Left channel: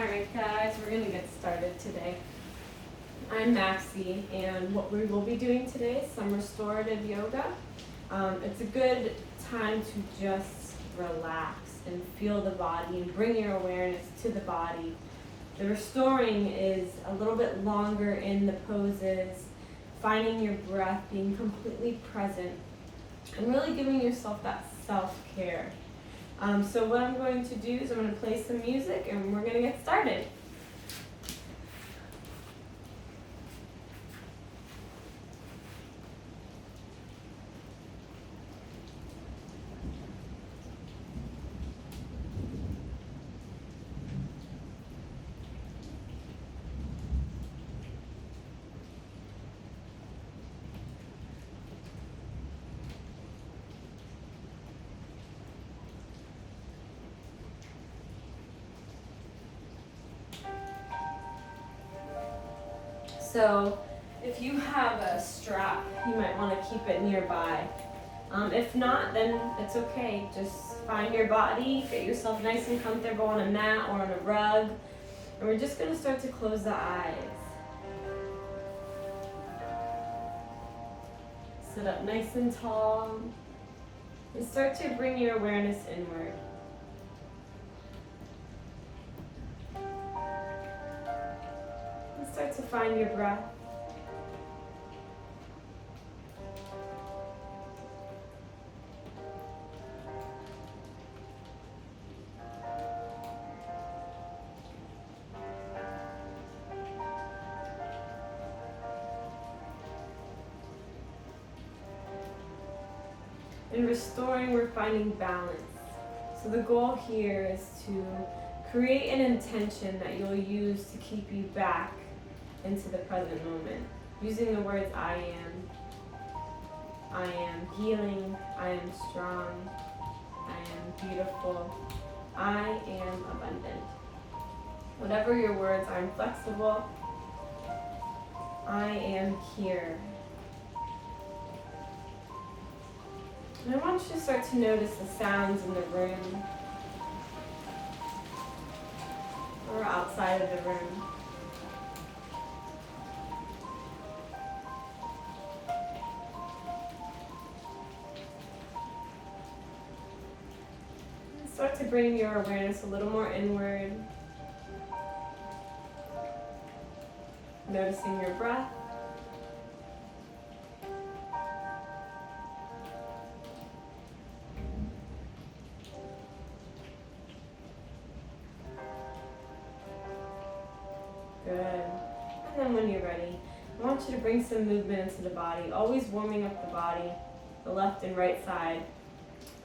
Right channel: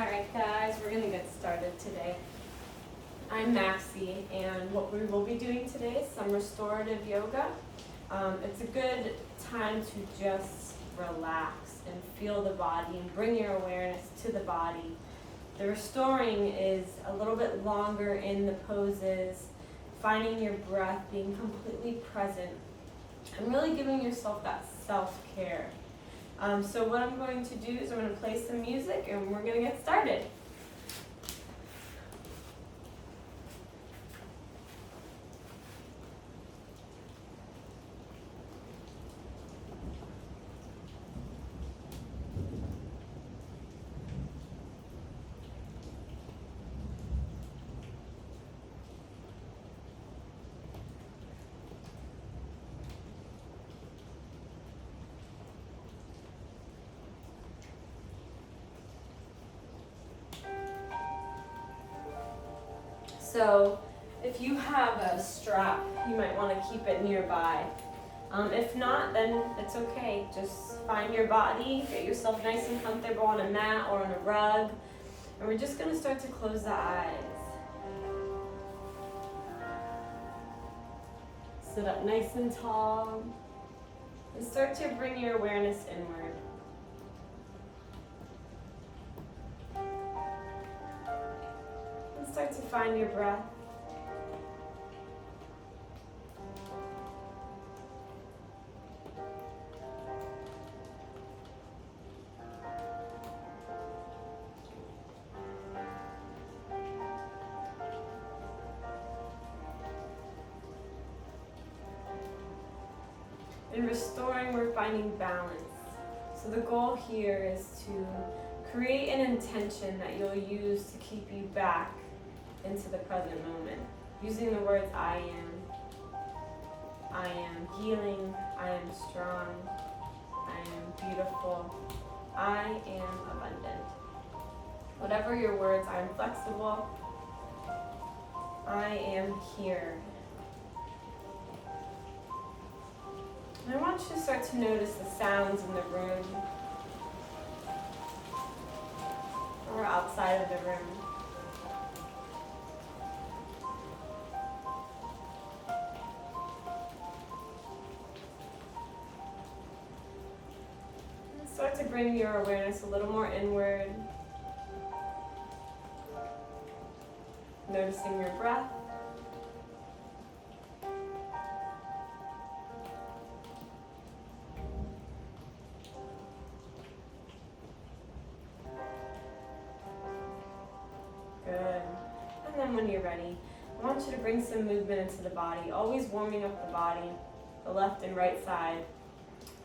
Alright guys, we're going to get started today. I'm Maxi, and what we will be doing today is some restorative yoga. It's a good time to just relax and feel the body and bring your awareness to the body. The restoring is a little bit longer in the poses, finding your breath, being completely present, and really giving yourself that self-care. So what I'm going to do is I'm going to play some music and we're going to get started. So if you have a strap, you might want to keep it nearby. If not, then it's okay. Just find your body, get yourself nice and comfortable on a mat or on a rug. And we're just going to start to close the eyes. Sit up nice and tall. And start to bring your awareness inward. Start to find your breath. In restoring, we're finding balance. So the goal here is to create an intention that you'll use to keep you back into the present moment, using the words I am healing, I am strong, I am beautiful, I am abundant. Whatever your words, I am flexible, I am here. And I want you to start to notice the sounds in the room or outside of the room. Start to bring your awareness a little more inward. Noticing your breath. Good. And then when you're ready, I want you to bring some movement into the body, always warming up the body, the left and right side.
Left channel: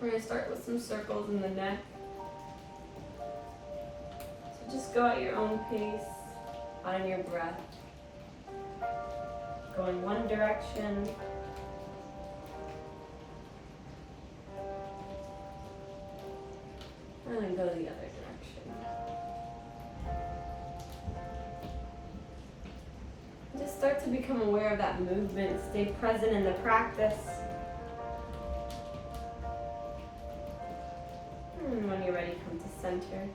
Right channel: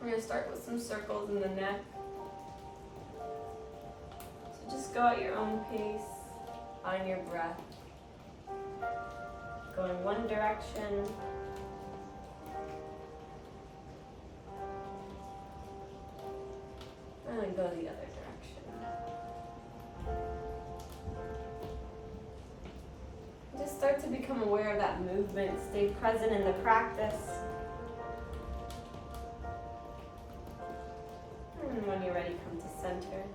We're going to start with some circles in the neck. So just go at your own pace, on your breath. Go in one direction. And then go the other direction. Just start to become aware of that movement. Stay present in the practice. And when you're ready, come to center.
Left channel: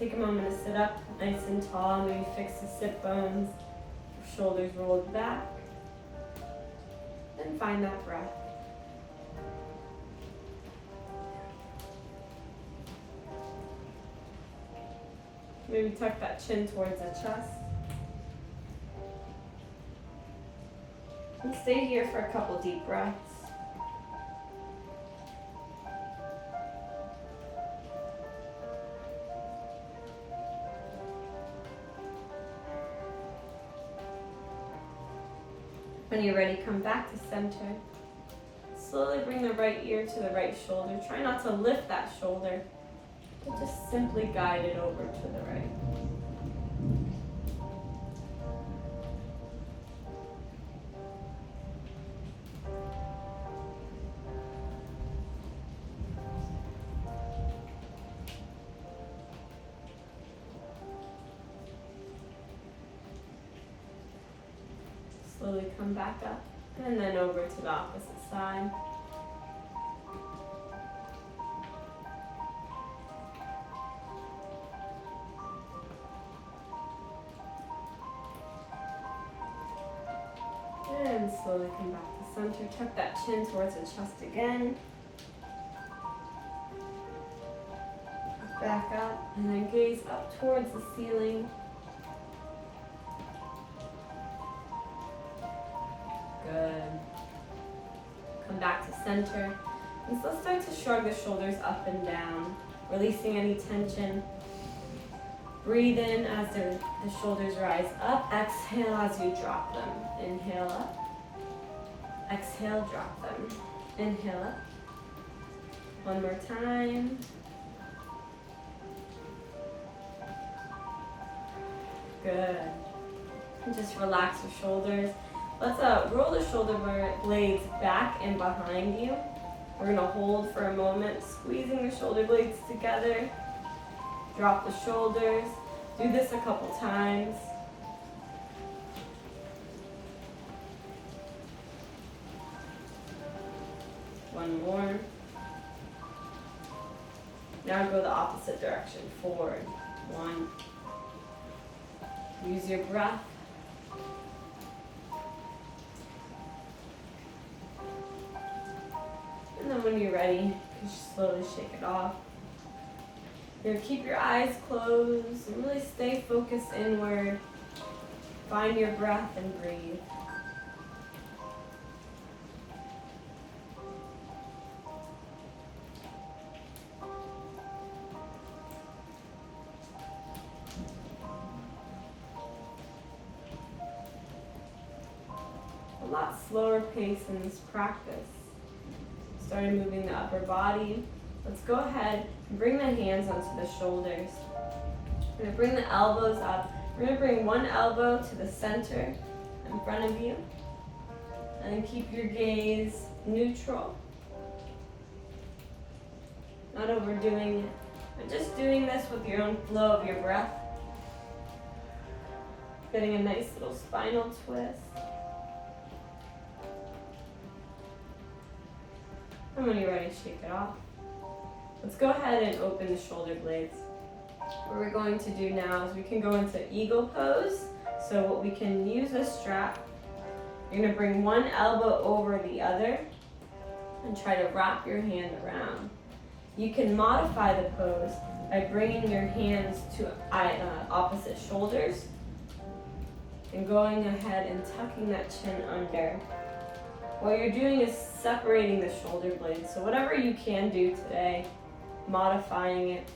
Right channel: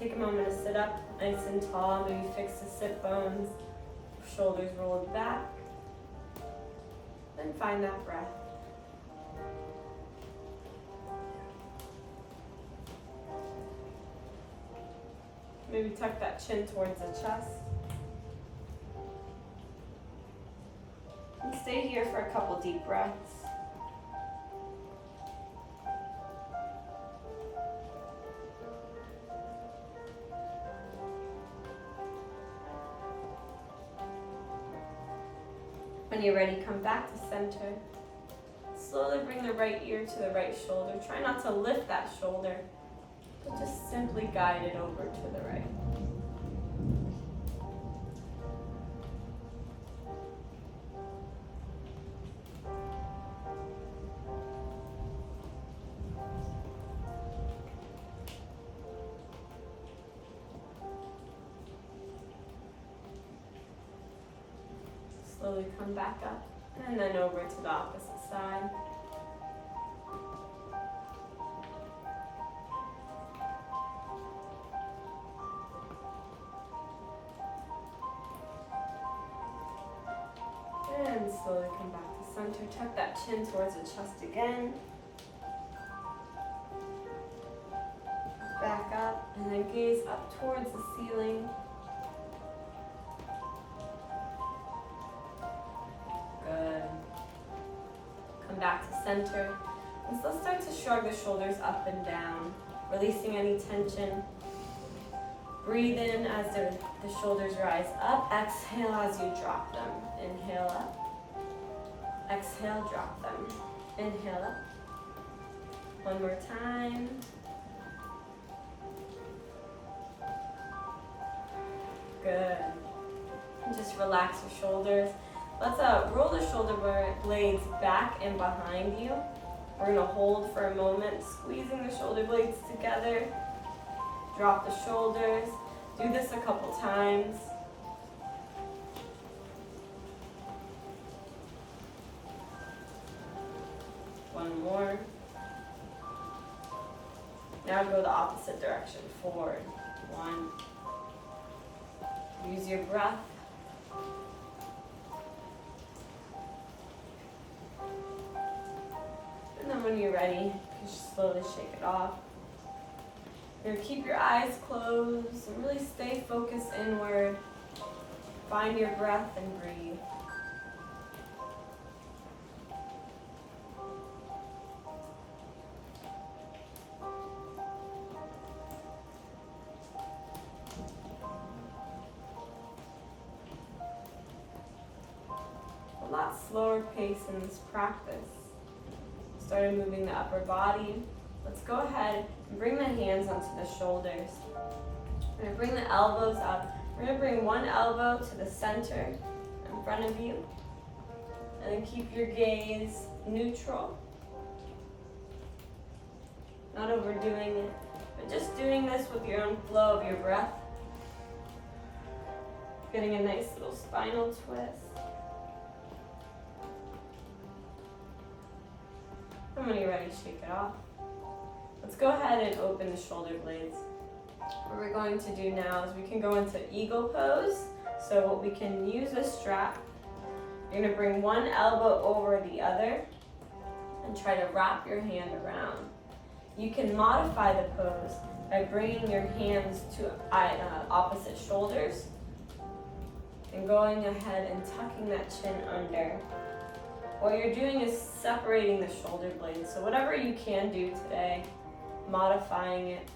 Take a moment to sit up nice and tall. Maybe fix the sit bones. Shoulders rolled back. Then find that breath. Maybe tuck that chin towards the chest. And stay here for a couple deep breaths. When you're ready, come back to center. Slowly bring the right ear to the right shoulder. Try not to lift that shoulder, but just simply guide it over to the right. Slowly come back up, and then over to the opposite side. Slowly come back to center. Tuck that chin towards the chest again. Back up and then gaze up towards the ceiling. Good. Come back to center. And so start to shrug the shoulders up and down, releasing any tension. Breathe in as the shoulders rise up. Exhale as you drop them. Inhale up. Exhale, drop them. Inhale up. One more time. Good. And just relax your shoulders. Let's roll the shoulder blades back and behind you. We're gonna hold for a moment, squeezing the shoulder blades together. Drop the shoulders. Do this a couple times. One more. Now go the opposite direction, forward. One. Use your breath. And then when you're ready, you can just slowly shake it off. You're gonna keep your eyes closed and really stay focused inward. Find your breath and breathe. A lot slower pace in this practice. Started moving the upper body. Let's go ahead and bring the hands onto the shoulders. We're gonna bring the elbows up. We're gonna bring one elbow to the center in front of you. And then keep your gaze neutral. Not overdoing it, but just doing this with your own flow of your breath. Getting a nice little spinal twist. And when you're ready, shake it off. Let's go ahead and open the shoulder blades. What we're going to do now is we can go into eagle pose. So what we can use a strap. You're gonna bring one elbow over the other and try to wrap your hand around. You can modify the pose by bringing your hands to opposite shoulders and going ahead and tucking that chin under. What you're doing is separating the shoulder blades. So whatever you can do today, modifying it.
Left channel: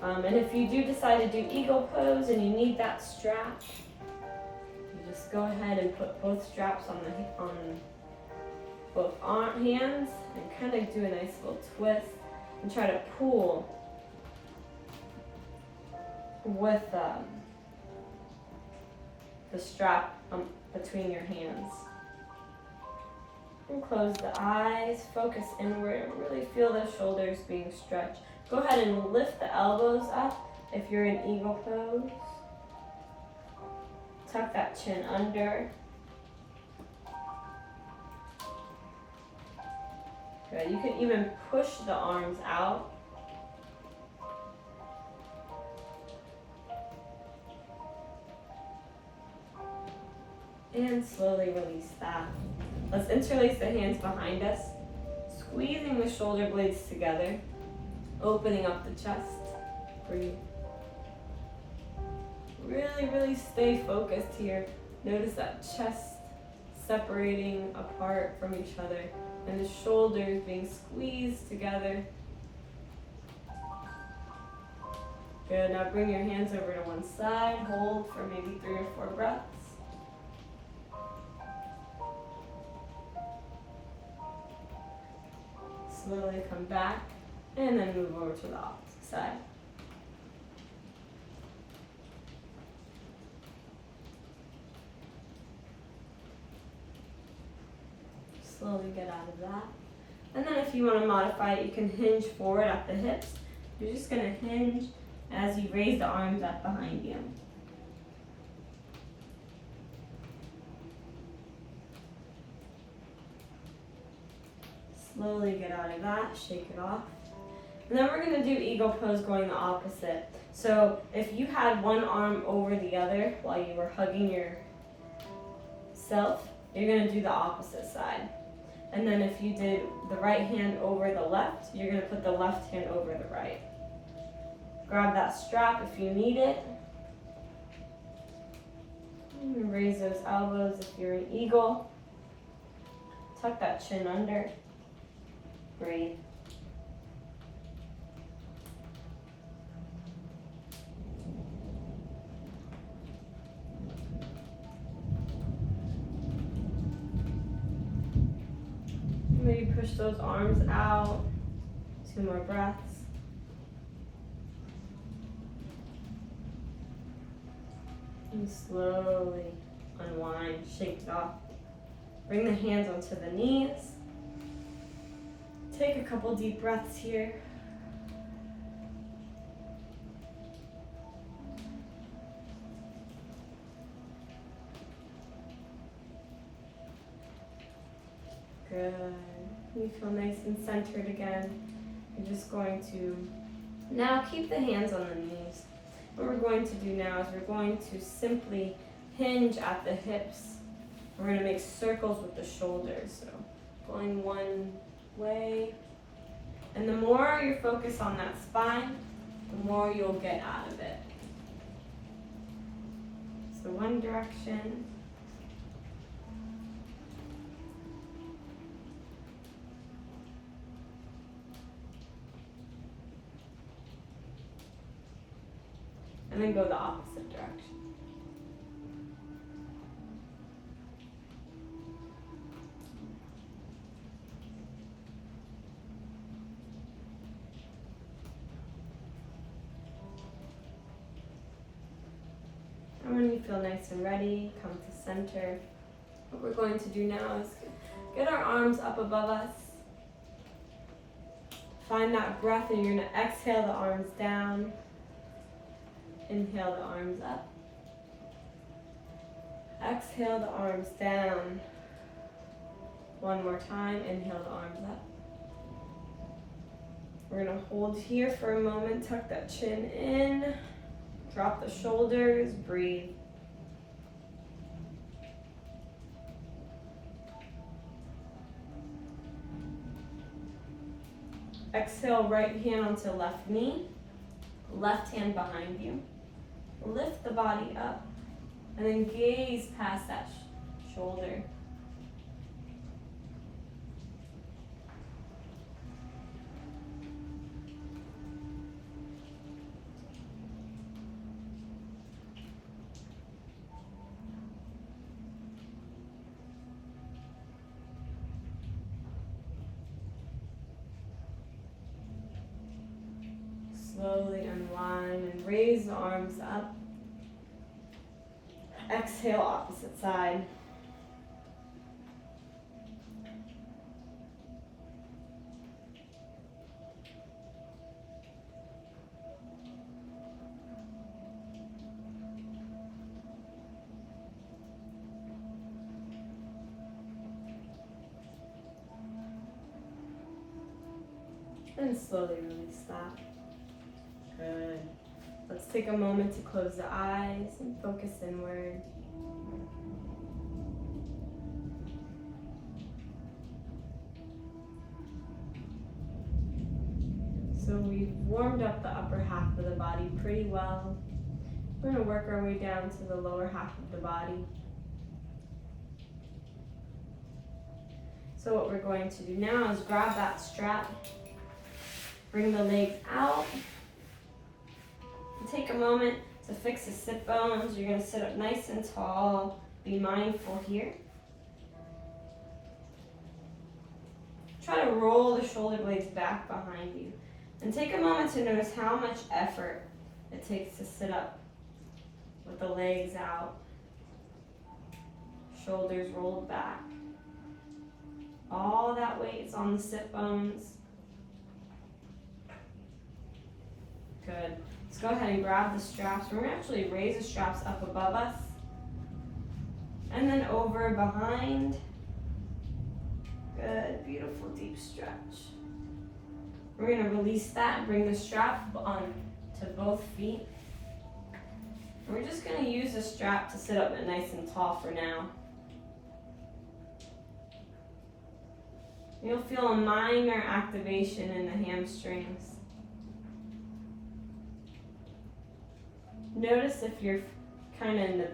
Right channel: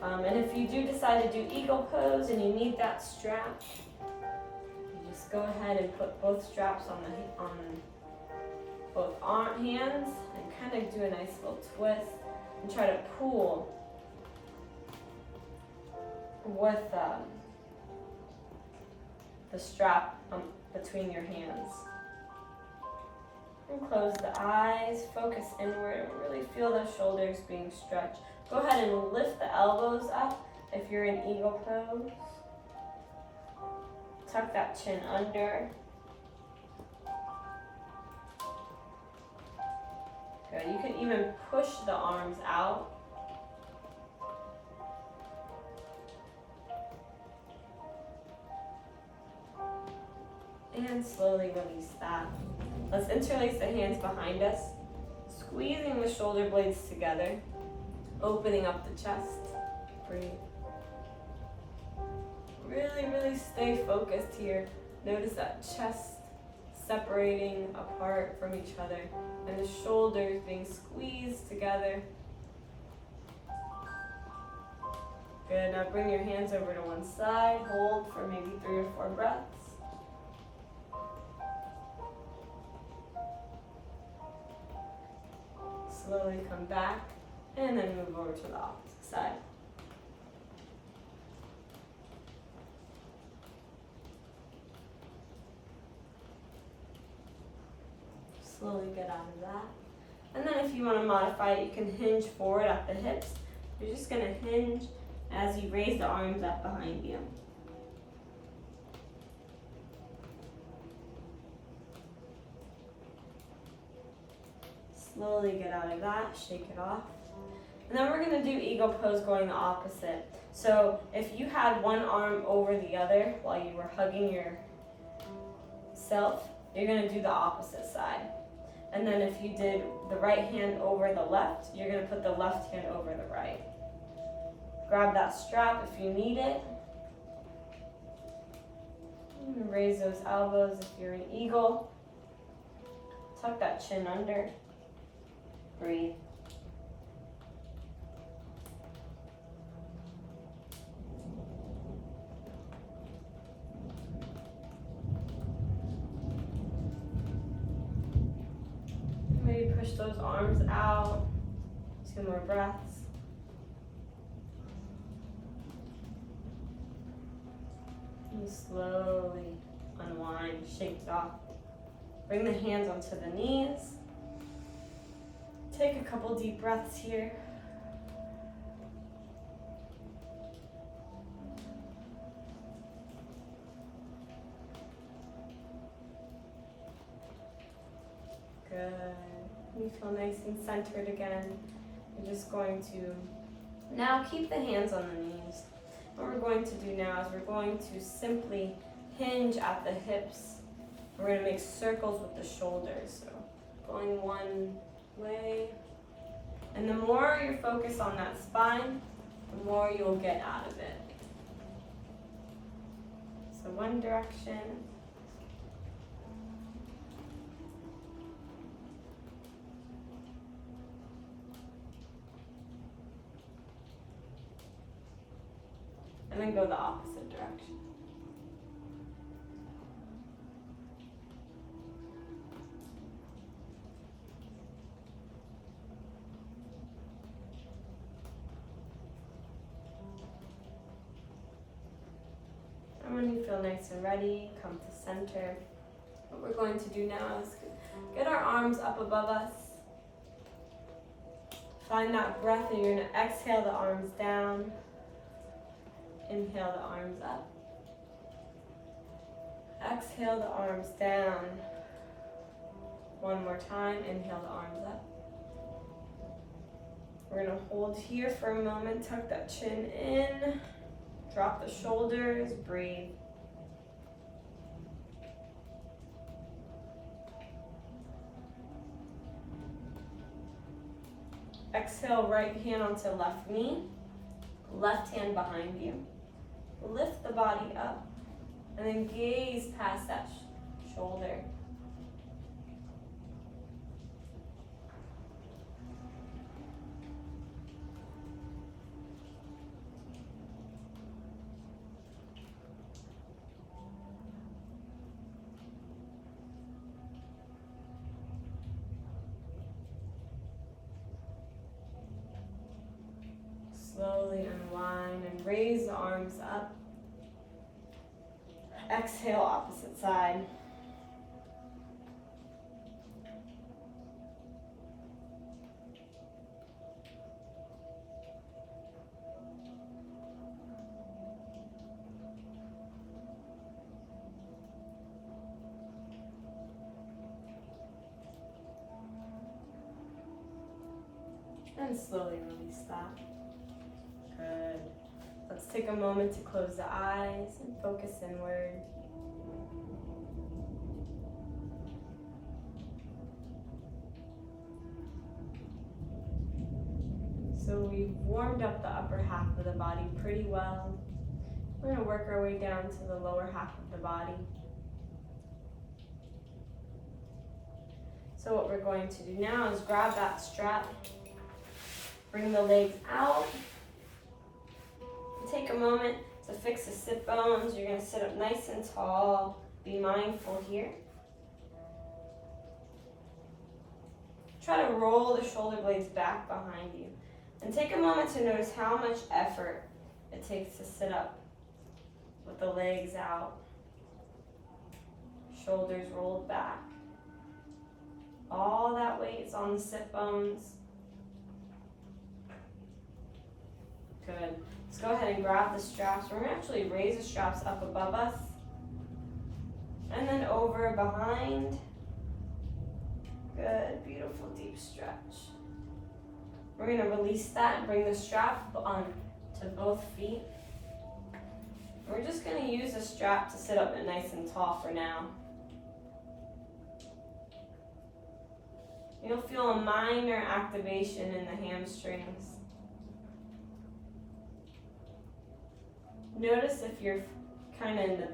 And if you do decide to do eagle pose and you need that strap, you just go ahead and put both straps on both hands and kind of do a nice little twist and try to pull with the strap between your hands. And close the eyes, focus inward, and really feel the shoulders being stretched. Go ahead and lift the elbows up if you're in eagle pose. Tuck that chin under. Good. You can even push the arms out. And slowly release that. Let's interlace the hands behind us, squeezing the shoulder blades together, opening up the chest. Breathe. Really, really stay focused here. Notice that chest separating apart from each other and the shoulders being squeezed together. Good. Now bring your hands over to one side. Hold for maybe 3 or 4 breaths. Slowly come back and then move over to the opposite side. Slowly get out of that. And then if you want to modify it, you can hinge forward at the hips. You're just going to hinge as you raise the arms up behind you. Slowly get out of that, shake it off. And then we're gonna do eagle pose going the opposite. So if you had one arm over the other while you were hugging yourself, you're gonna do the opposite side. And then if you did the right hand over the left, you're gonna put the left hand over the right. Grab that strap if you need it. And raise those elbows if you're an eagle. Tuck that chin under. Breathe. Maybe push those arms out. 2 more breaths. And slowly unwind, shake it off. Bring the hands onto the knees. Take a couple deep breaths here. Good. You feel nice and centered again. You're just going to now keep the hands on the knees. What we're going to do now is we're going to simply hinge at the hips. We're going to make circles with the shoulders. So going one way. And the more you focus on that spine, the more you'll get out of it. So one direction. And then go the opposite direction. And when you feel nice and ready, come to center. What we're going to do now is get our arms up above us. Find that breath and you're going to exhale the arms down. Inhale the arms up. Exhale the arms down. One more time, inhale the arms up. We're gonna hold here for a moment, tuck that chin in, drop the shoulders, breathe. Exhale, right hand onto left knee, left hand behind you. Lift the body up and then gaze past that shoulder. Slowly unwind and raise the arms up. Exhale, opposite side. And slowly release that. Good. Let's take a moment to close the eyes and focus inward. So we've warmed up the upper half of the body pretty well. We're going to work our way down to the lower half of the body. So what we're going to do now is grab that strap, bring the legs out. Take a moment to fix the sit bones. You're going to sit up nice and tall. Be mindful here. Try to roll the shoulder blades back behind you. And take a moment to notice how much effort it takes to sit up with the legs out. Shoulders rolled back. All that weight is on the sit bones. Good. Let's go ahead and grab the straps. We're going to actually raise the straps up above us. And then over behind. Good. Beautiful deep stretch. We're going to release that and bring the strap on to both feet. We're just going to use the strap to sit up nice and tall for now. You'll feel a minor activation in the hamstrings. Notice if you're kind of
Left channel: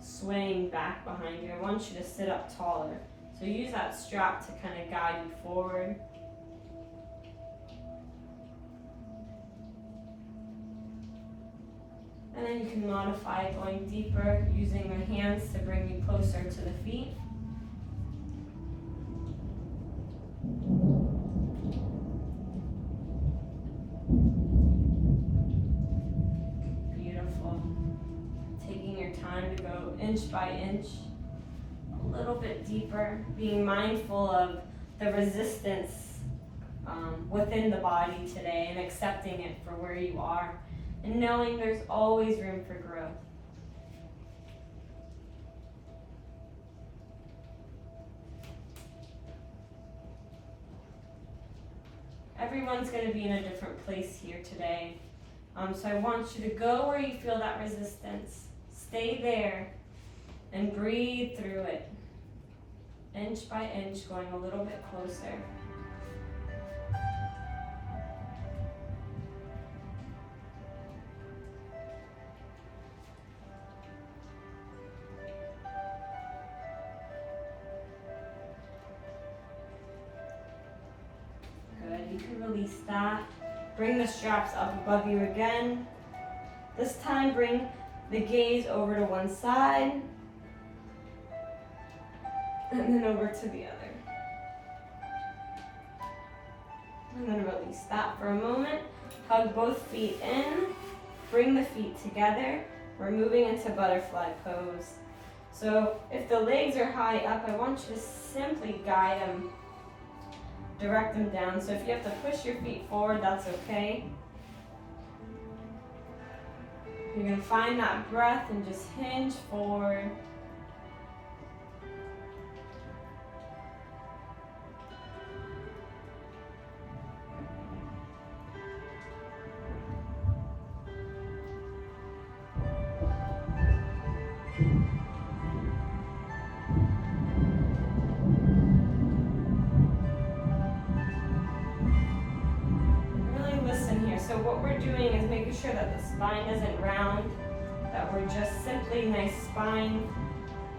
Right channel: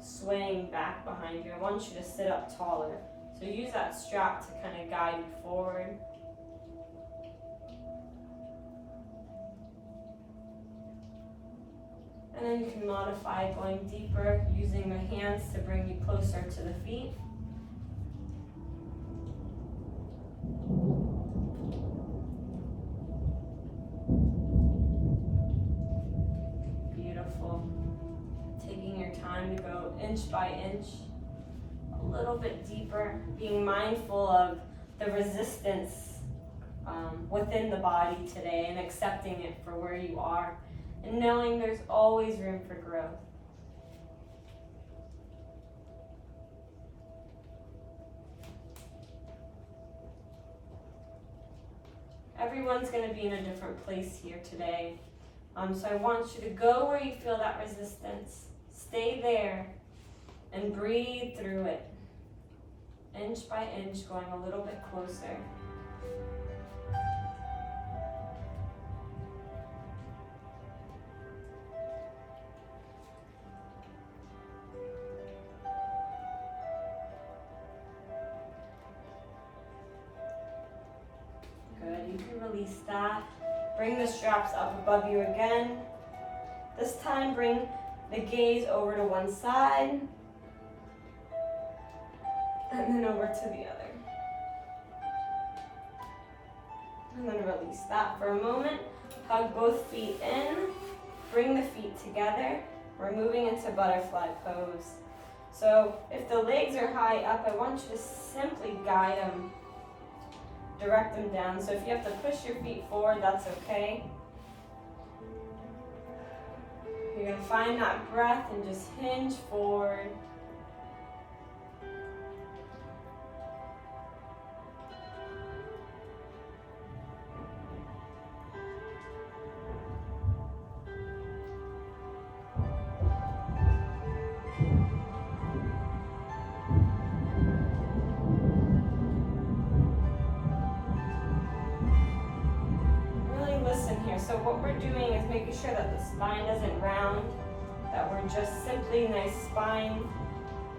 swaying back behind you. I want you to sit up taller. So use that strap to kind of guide you forward. And then you can modify going deeper using the hands to bring you closer to the feet. Beautiful. Taking your time to go inch by inch, a little bit deeper, being mindful of the resistance within the body today and accepting it for where you are. And knowing there's always room for growth. Everyone's going to be in a different place here today. So I want you to go where you feel that resistance. Stay there and breathe through it. Inch by inch, going a little bit closer. Release that. Bring the straps up above you again. This time bring the gaze over to one side and then over to the other. And then release that for a moment. Hug both feet in. Bring the feet together. We're moving into butterfly pose. So if the legs are high up, I want you to simply guide them. Direct them down. So if you have to push your feet forward, that's okay. You're going to find that breath and just hinge forward. So what we're doing is making sure that the spine isn't round, that we're just simply nice spine,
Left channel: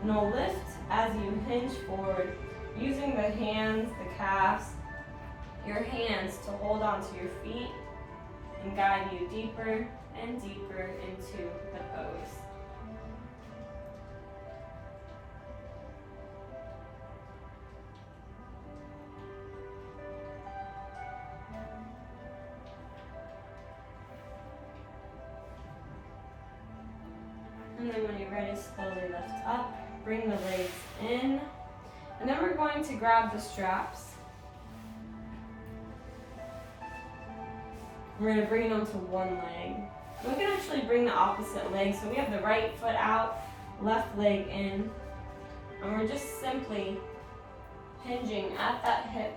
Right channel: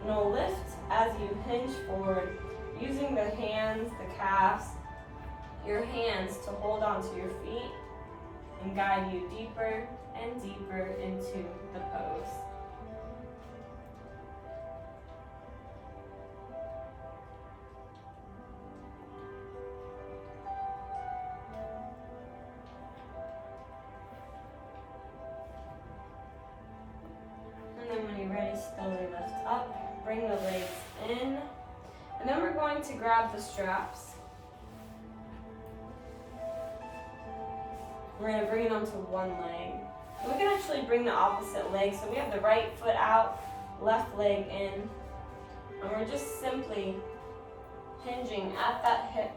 no lift as you hinge forward, using the hands, the calves, your hands to hold onto your feet and guide you deeper and deeper into the pose. And then when you're ready, slowly lift up, bring the legs in, and then we're going to grab the straps. We're going to bring them to one leg. We can actually bring the opposite leg, so we have the right foot out, left leg in, and we're just simply hinging at that hip,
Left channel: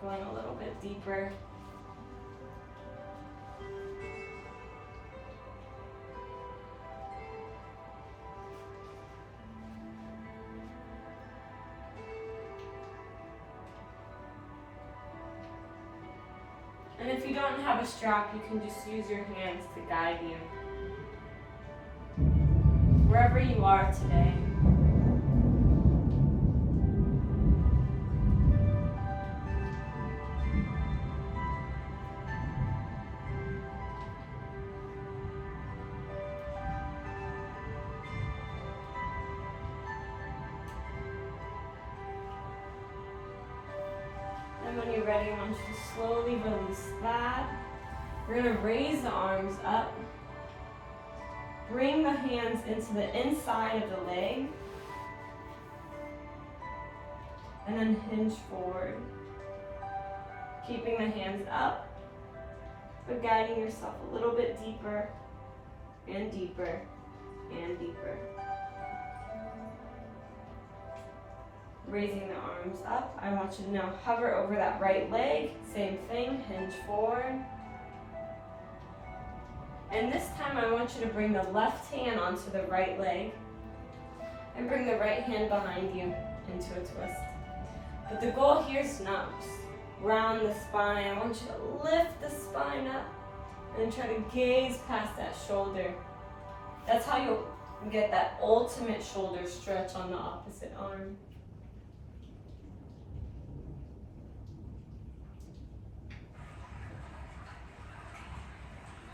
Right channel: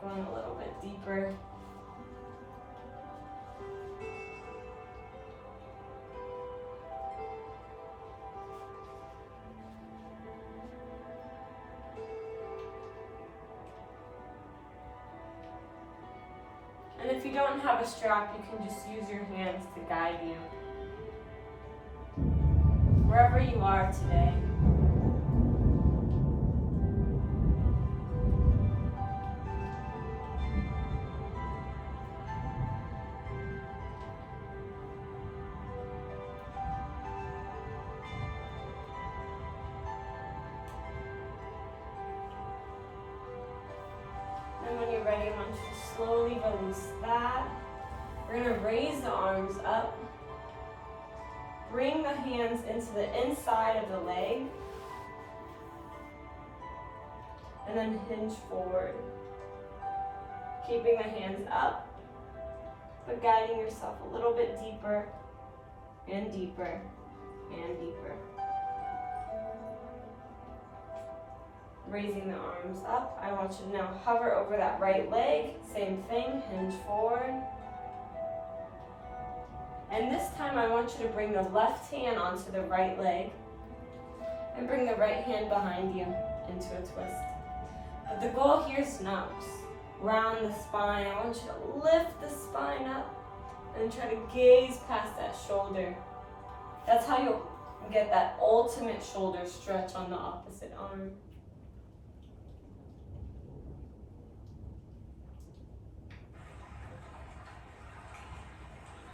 going a little bit deeper. And if you don't have a strap, you can just use your hands to guide you. Wherever you are today. Ready, I want you to slowly release that. We're going to raise the arms up. Bring the hands into the inside of the leg. And then hinge forward. Keeping the hands up, but guiding yourself a little bit deeper and deeper and deeper. Raising the arms up. I want you to now hover over that right leg. Same thing, hinge forward. And this time I want you to bring the left hand onto the right leg and bring the right hand behind you into a twist. But the goal here is not just round the spine. I want you to lift the spine up and try to gaze past that shoulder. That's how you'll get that ultimate shoulder stretch on the opposite arm.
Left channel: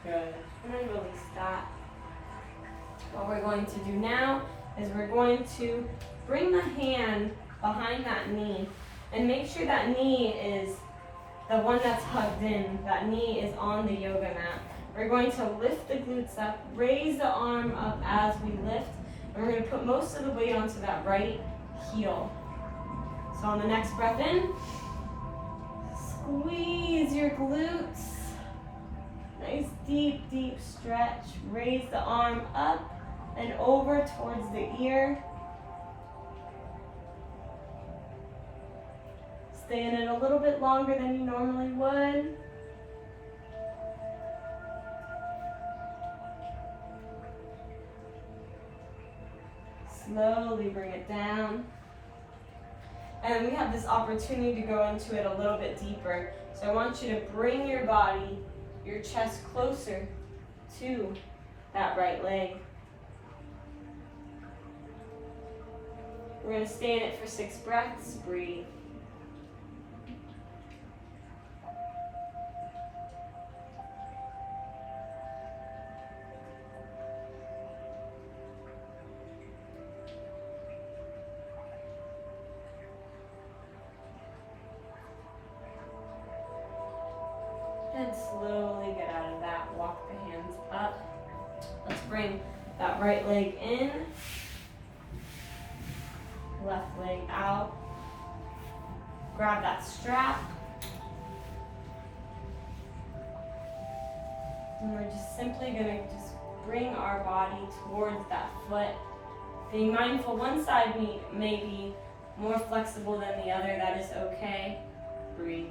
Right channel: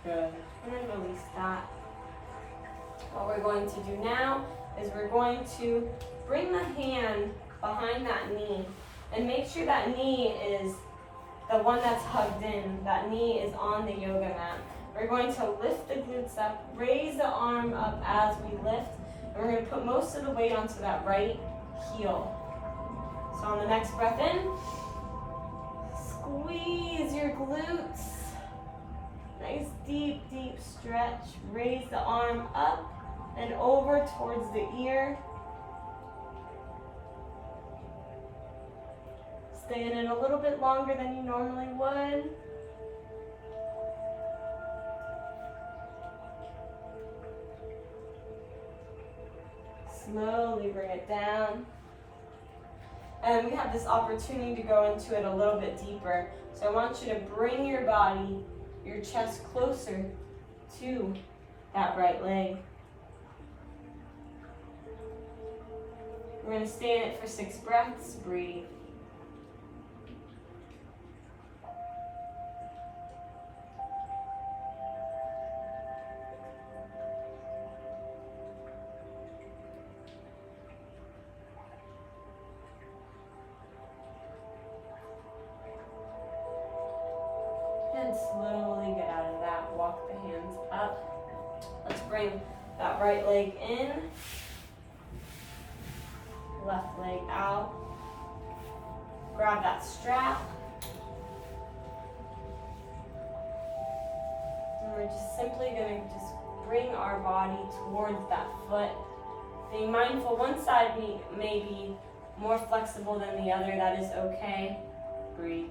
Good. And then release that. What we're going to do now is we're going to bring the hand behind that knee and make sure that knee is the one that's hugged in. That knee is on the yoga mat. We're going to lift the glutes up, raise the arm up as we lift, and we're going to put most of the weight onto that right heel. So on the next breath in, squeeze your glutes. Nice deep, deep stretch. Raise the arm up and over towards the ear. Stay in it a little bit longer than you normally would. Slowly bring it down. And we have this opportunity to go into it a little bit deeper. So I want you to bring your body, your chest closer to that right leg. We're going to stay in it for 6 breaths. Breathe. And slowly get out of that. Walk the hands up. Let's bring that right leg in. Left leg out. Grab that strap. And we're just simply going to just bring our body towards that foot. Being mindful, one side may be more flexible than the other. That is okay. Breathe.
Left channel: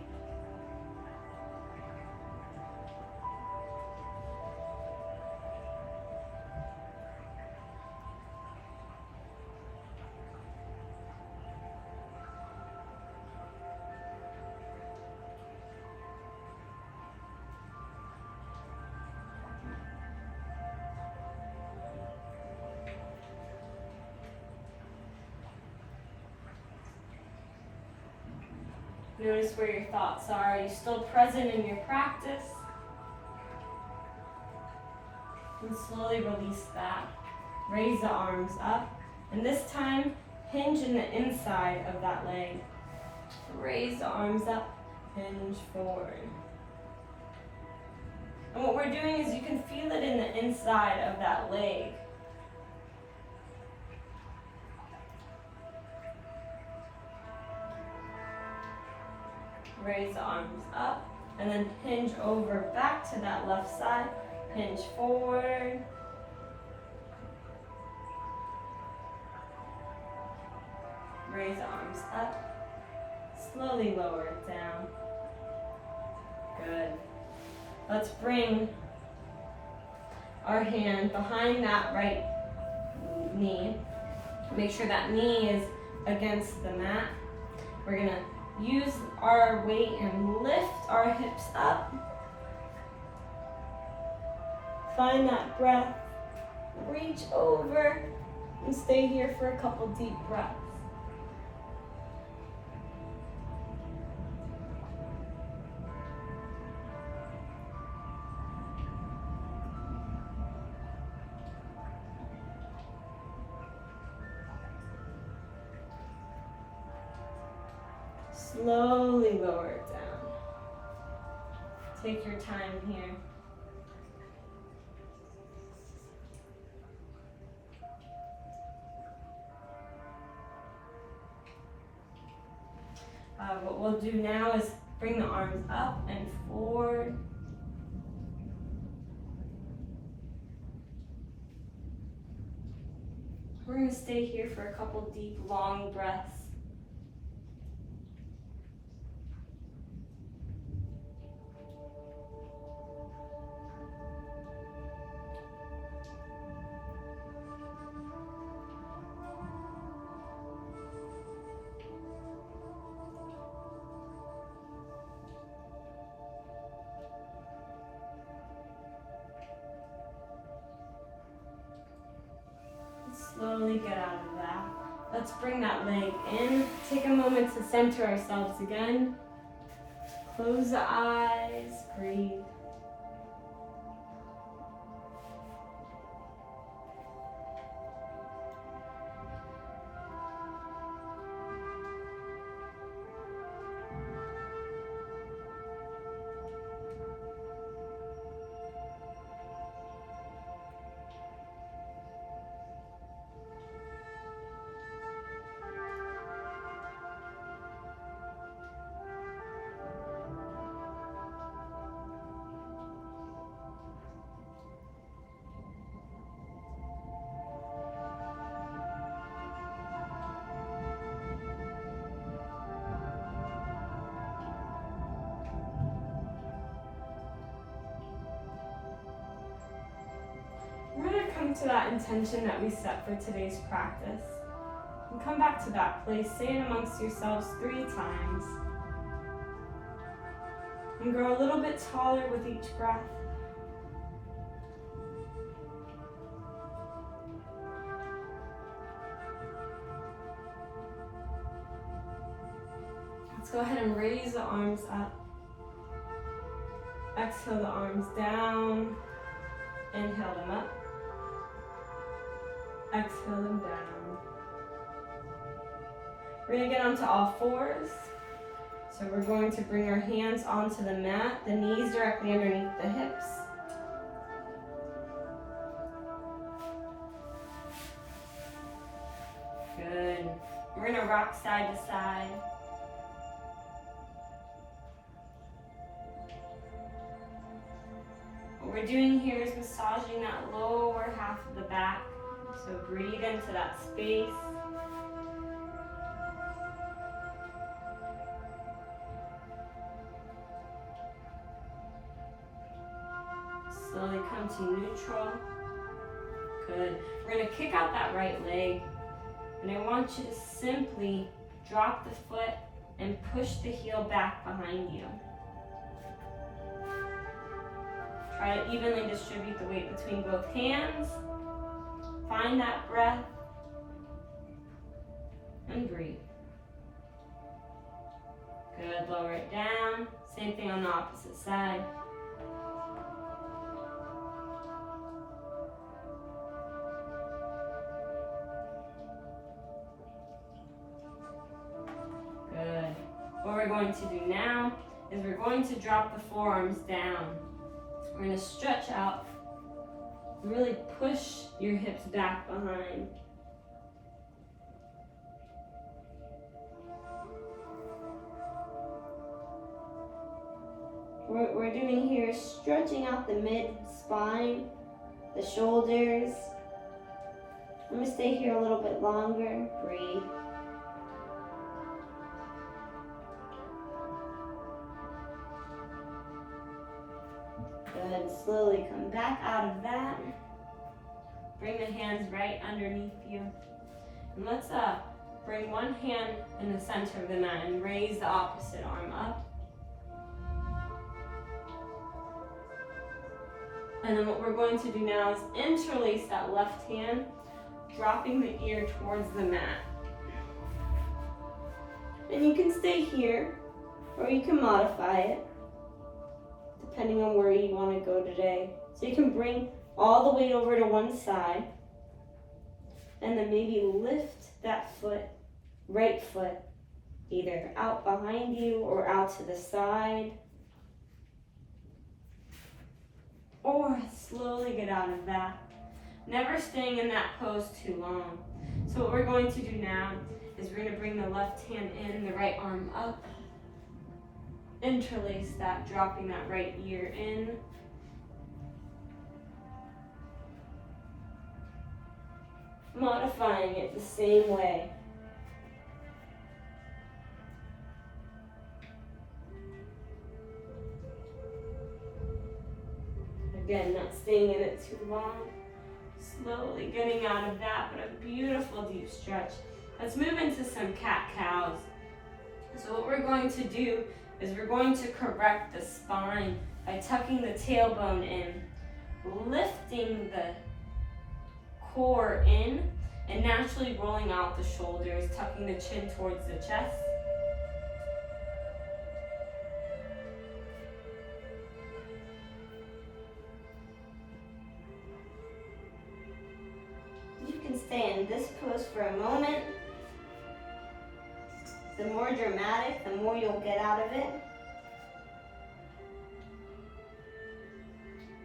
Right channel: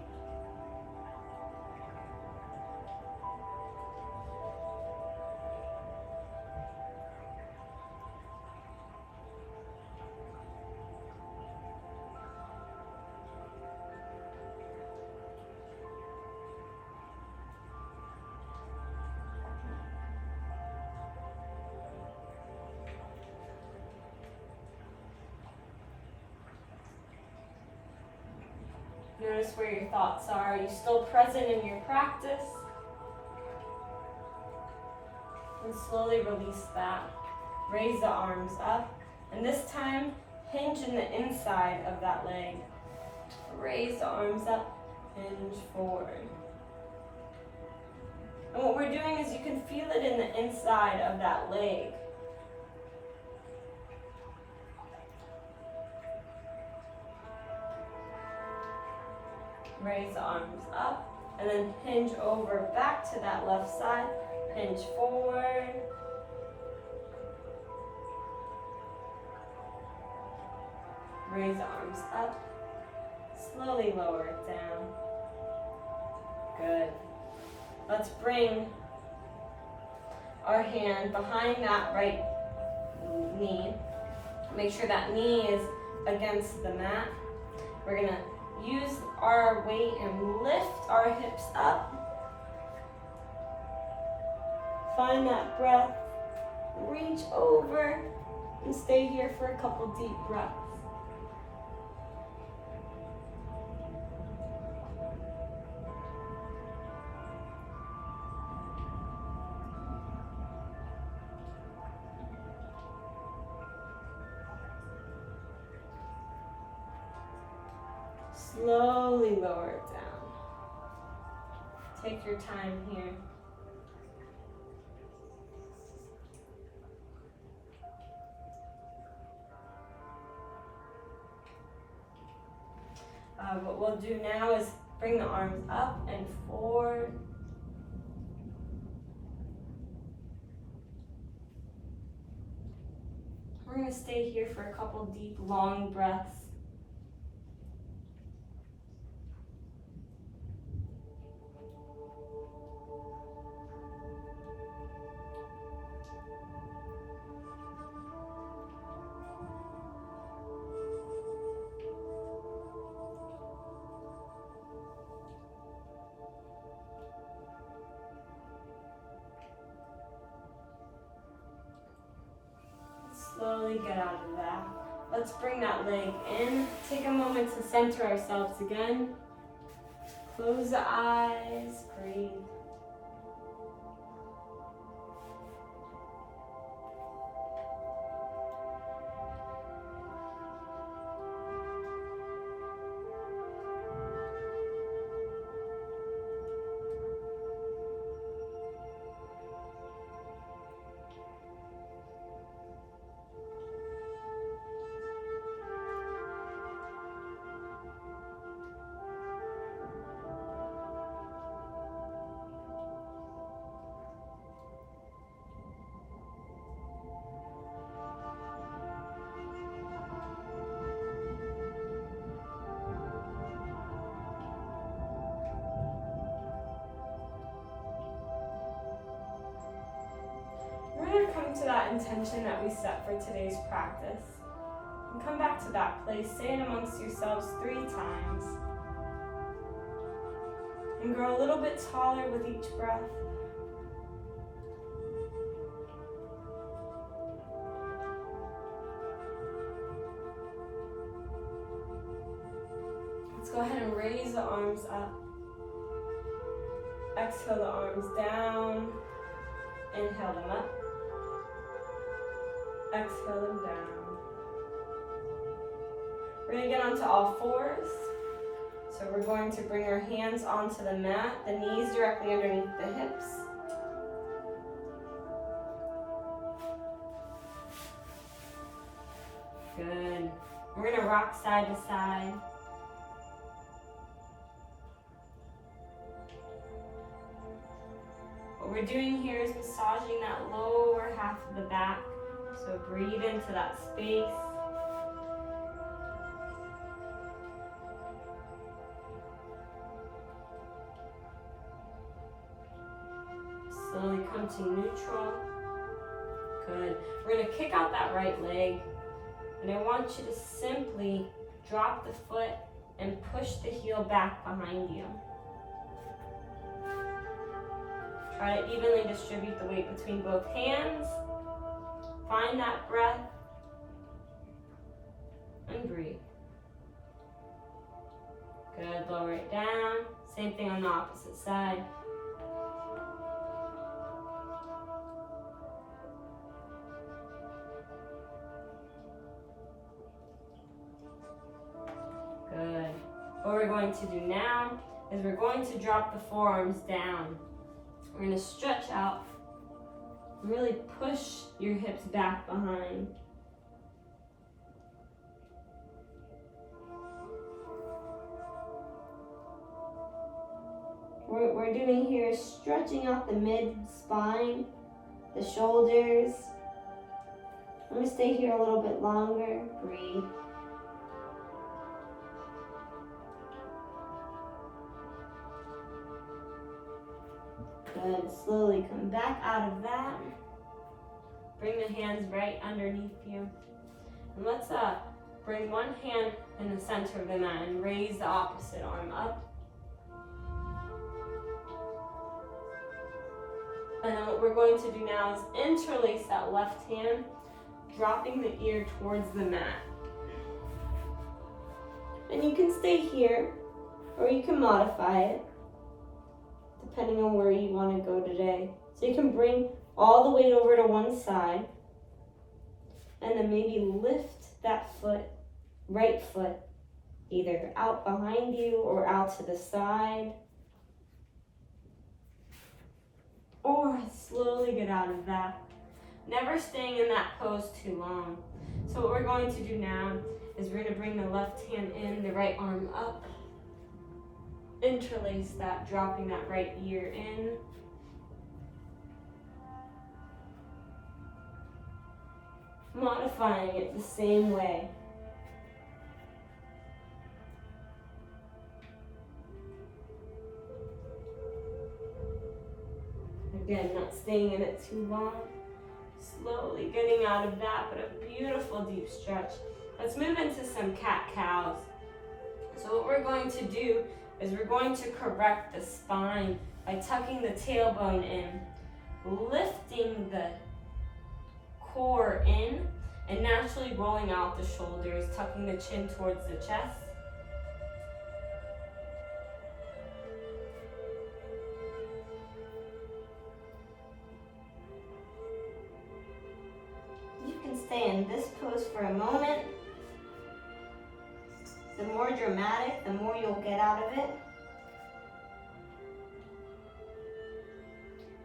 Notice where your thoughts are. Are you still present in your practice? And slowly release that. Raise the arms up. And this time, hinge in the inside of that leg. Raise the arms up, hinge forward. And what we're doing is you can feel it in the inside of that leg. Raise the arms up, and then hinge over back to that left side. Hinge forward. Raise the arms up. Slowly lower it down. Good. Let's bring our hand behind that right knee. Make sure that knee is against the mat. We're going to use our weight and lift our hips up. Find that breath. Reach over and stay here for a couple deep breaths. Slowly lower it down. Take your time here. What we'll do now is bring the arms up and forward. We're going to stay here for a couple deep, long breaths. get out of that. Let's bring that leg in. Take a moment to center ourselves again. Close the eyes, breathe. We're going to come to that intention that we set for today's practice. And come back to that place. Say it amongst yourselves 3 times. And grow a little bit taller with each breath. Let's go ahead and raise the arms up. Exhale the arms down. Inhale them up. Exhale them down. We're going to get onto all fours. So we're going to bring our hands onto the mat, the knees directly underneath the hips. Good. We're going to rock side to side. What we're doing here is massaging that lower half of the back. So breathe into that space. Slowly come to neutral. Good. We're going to kick out that right leg. And I want you to simply drop the foot and push the heel back behind you. Try to evenly distribute the weight between both hands. Find that breath and breathe. Good, lower it down. Same thing on the opposite side. Good. What we're going to do now is we're going to drop the forearms down. We're going to stretch out. Really push your hips back behind. What we're doing here is stretching out the mid-spine, the shoulders. I'm going to stay here a little bit longer. Breathe. Good. Slowly come back out of that. Bring the hands right underneath you. And let's bring one hand in the center of the mat and raise the opposite arm up. And then what we're going to do now is interlace that left hand, dropping the ear towards the mat. And you can stay here, or you can modify it, depending on where you want to go today. So you can bring all the weight over to one side, and then maybe lift that foot, right foot, either out behind you or out to the side. Or slowly get out of that. Never staying in that pose too long. So what we're going to do now is we're going to bring the left hand in, the right arm up. Interlace that, dropping that right ear in. Modifying it the same way. Again, not staying in it too long. Slowly getting out of that, but a beautiful deep stretch. Let's move into some cat-cows. So what we're going to do is we're going to correct the spine by tucking the tailbone in, lifting the core in, and naturally rolling out the shoulders, tucking the chin towards the chest. You can stay in this pose for a moment. The more dramatic, the more you'll get out of it.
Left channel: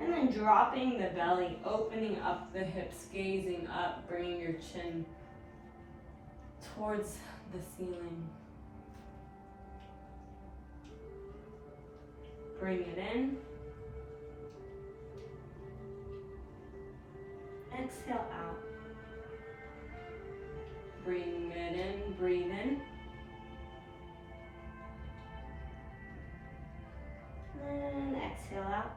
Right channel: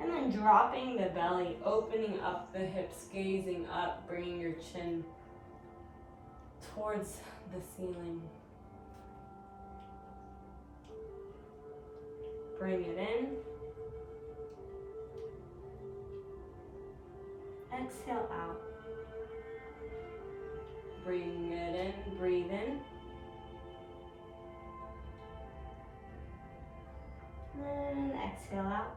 And then dropping the belly, opening up the hips, gazing up, bringing your chin towards the ceiling. Bring it in. Exhale out. Bring it in, breathe in. And exhale out.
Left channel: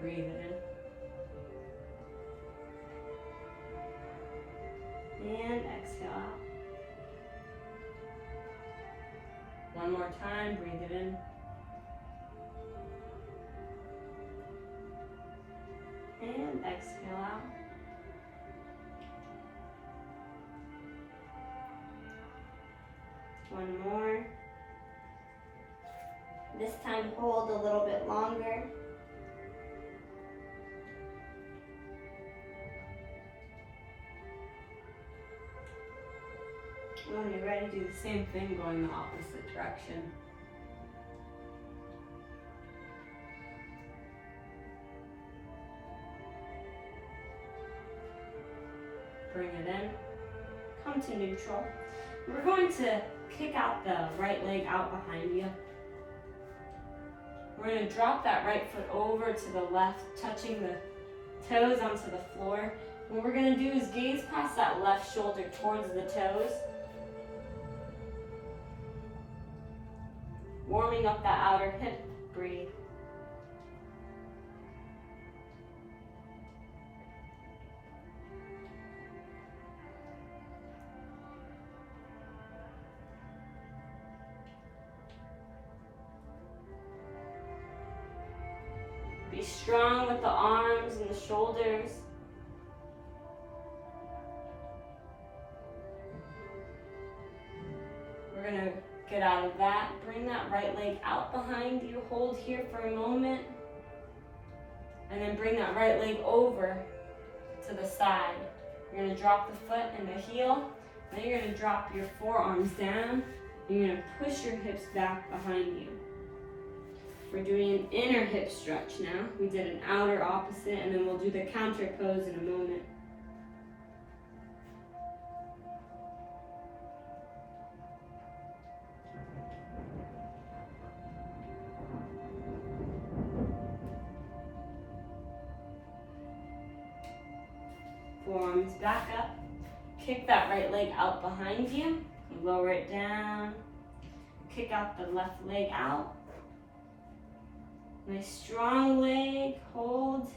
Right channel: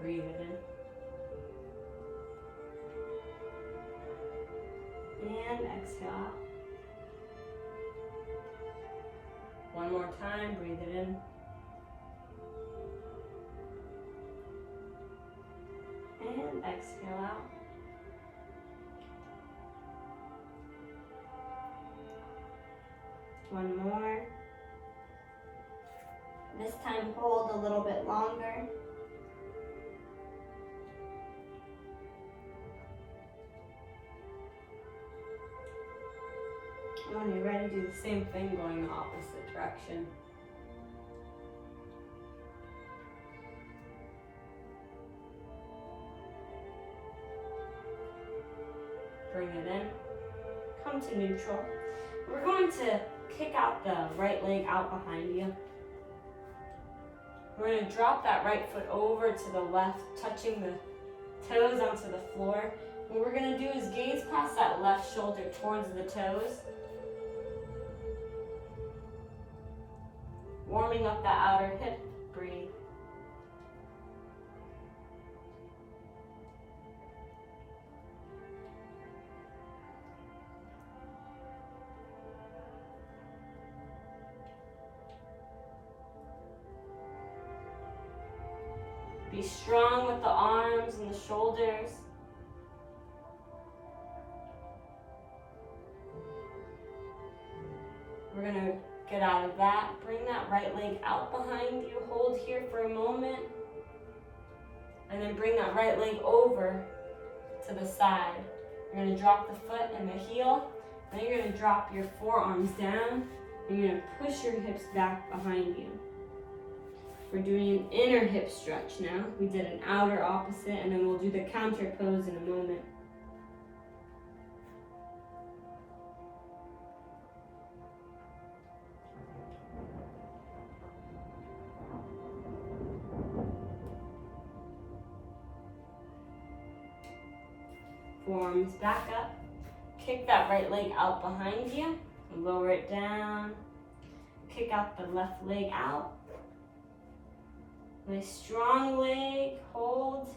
Breathe it in. And exhale out. One more time, breathe it in. And exhale out. One more. This time hold a little bit longer. When you're ready, do the same thing going the opposite direction. Bring it in. Come to neutral. We're going to kick out the right leg out behind you. We're going to drop that right foot over to the left, touching the toes onto the floor. What we're going to do is gaze past that left shoulder towards the toes. Warming up that outer hip. Breathe. Be strong with the arms and the shoulders. We're going to get out of that. Bring that right leg out behind you. Hold here for a moment. And then bring that right leg over to the side. You're going to drop the foot and the heel. Then you're going to drop your forearms down. And you're going to push your hips back behind you. We're doing an inner hip stretch now. We did an outer opposite, and then we'll do the counter pose in a moment. Forearms back up. Kick that right leg out behind you. Lower it down. Kick out the left leg out. Nice strong leg, hold,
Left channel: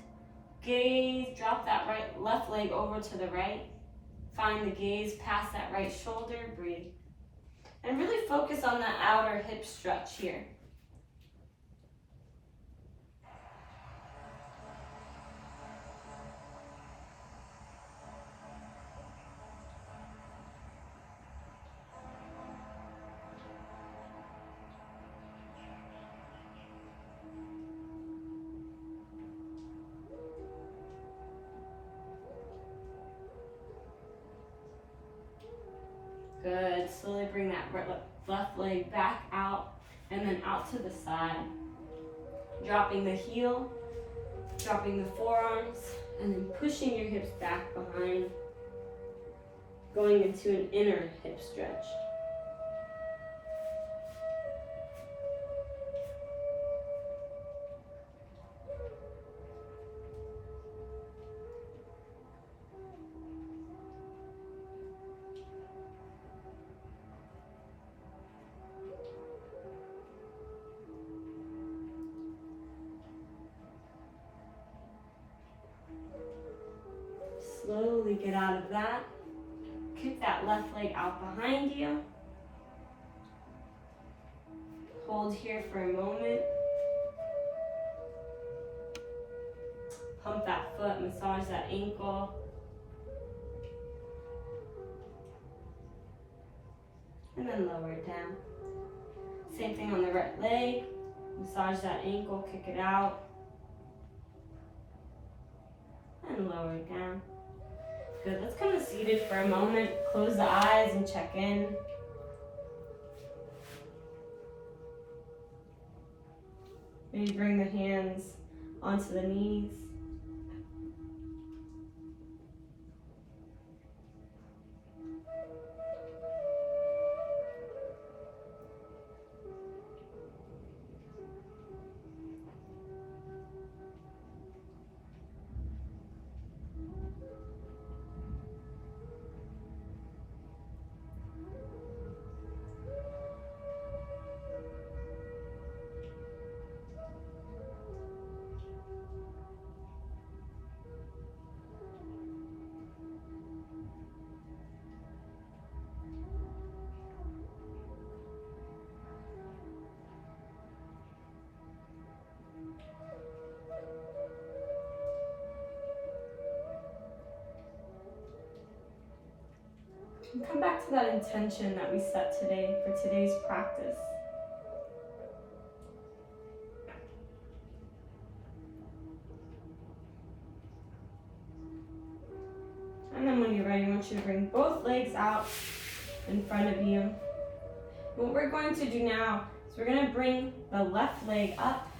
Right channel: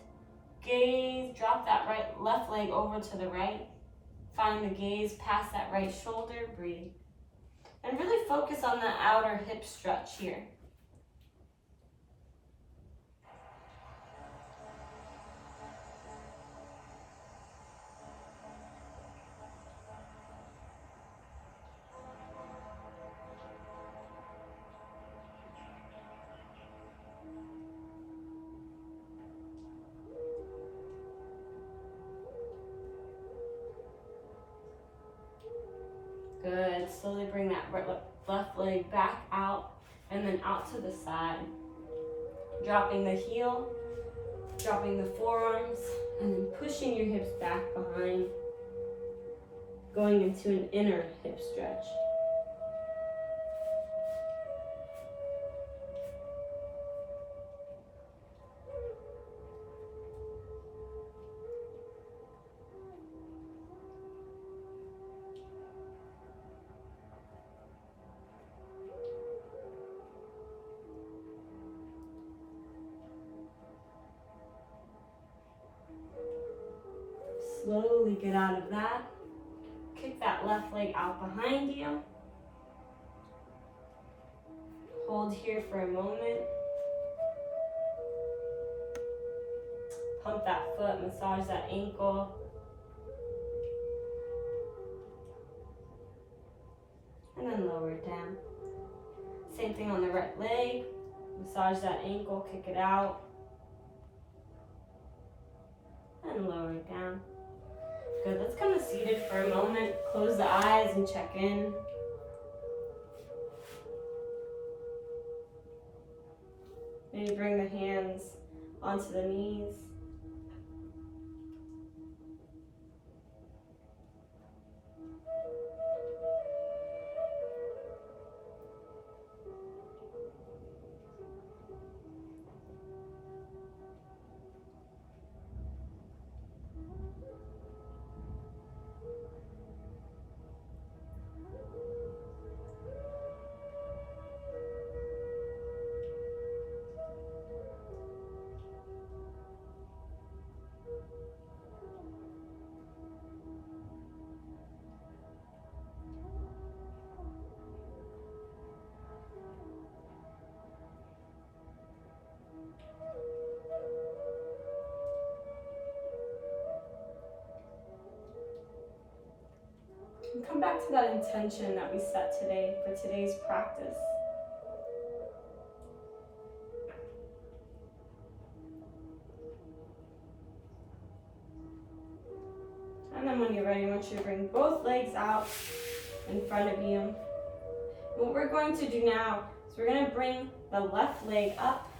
gaze, drop that left leg over to the right. Find the gaze past that right shoulder, breathe. And really focus on that outer hip stretch here. Good. Slowly bring that left leg back out and then out to the side. Dropping the heel, dropping the forearms, and then pushing your hips back behind. Going into an inner hip stretch. Slowly get out of that. Kick that left leg out behind you. Hold here for a moment. Pump that foot, massage that ankle. And then lower it down. Same thing on the right leg. Massage that ankle, kick it out. And lower it down. Good, let's come to seated for a moment. Close the eyes and check in. Maybe bring the hands onto the knees. And come back to that intention that we set today for today's practice. And then when you're ready, I want you to bring both legs out in front of you. What we're going to do now is we're going to bring the left leg up.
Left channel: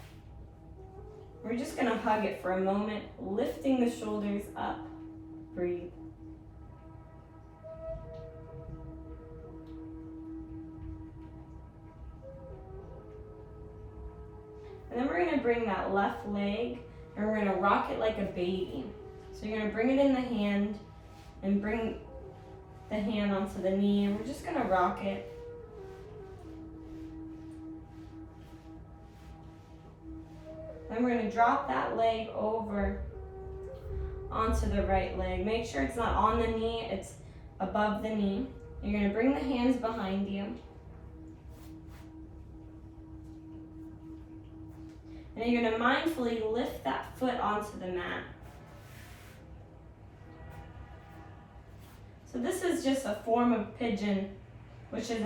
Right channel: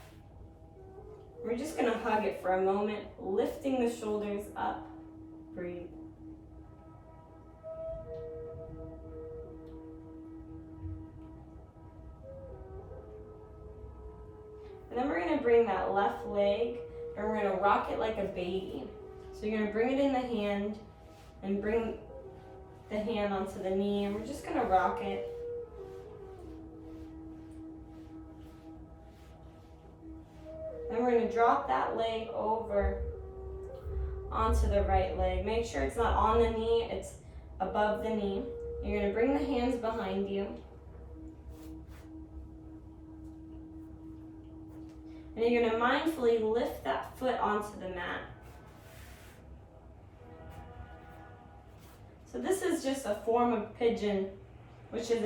We're just going to hug it for a moment, lifting the shoulders up. Breathe. And then we're going to bring that left leg and we're going to rock it like a baby. So you're going to bring it in the hand and bring the hand onto the knee, and we're just going to rock it. Then we're going to drop that leg over onto the right leg. Make sure it's not on the knee, it's above the knee. You're going to bring the hands behind you. And you're going to mindfully lift that foot onto the mat. So this is just a form of pigeon, which is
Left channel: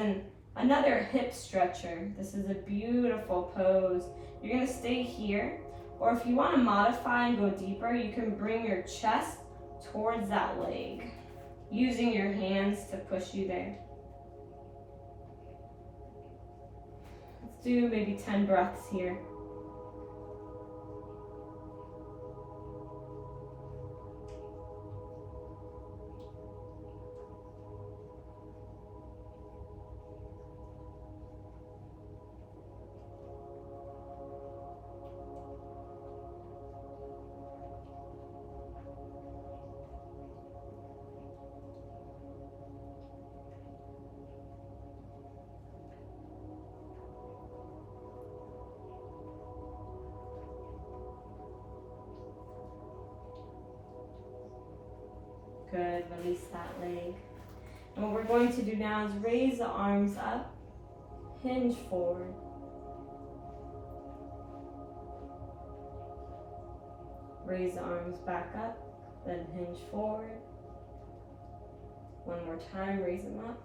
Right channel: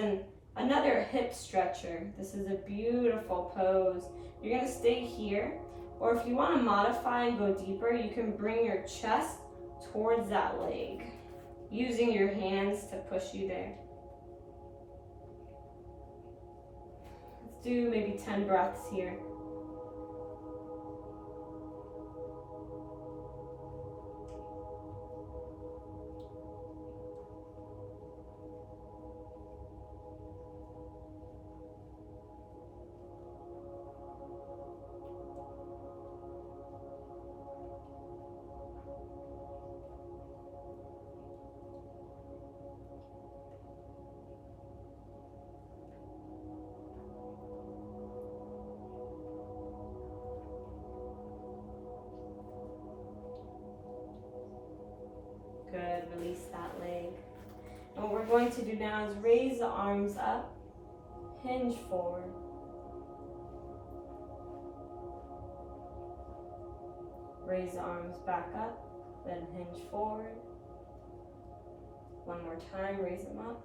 another hip stretcher. This is a beautiful pose. You're going to stay here, or if you want to modify and go deeper, you can bring your chest towards that leg, using your hands to push you there. Let's do maybe 10 breaths here. Good, release that leg. And what we're going to do now is raise the arms up, hinge forward. Raise the arms back up, then hinge forward. One more time, raise them up.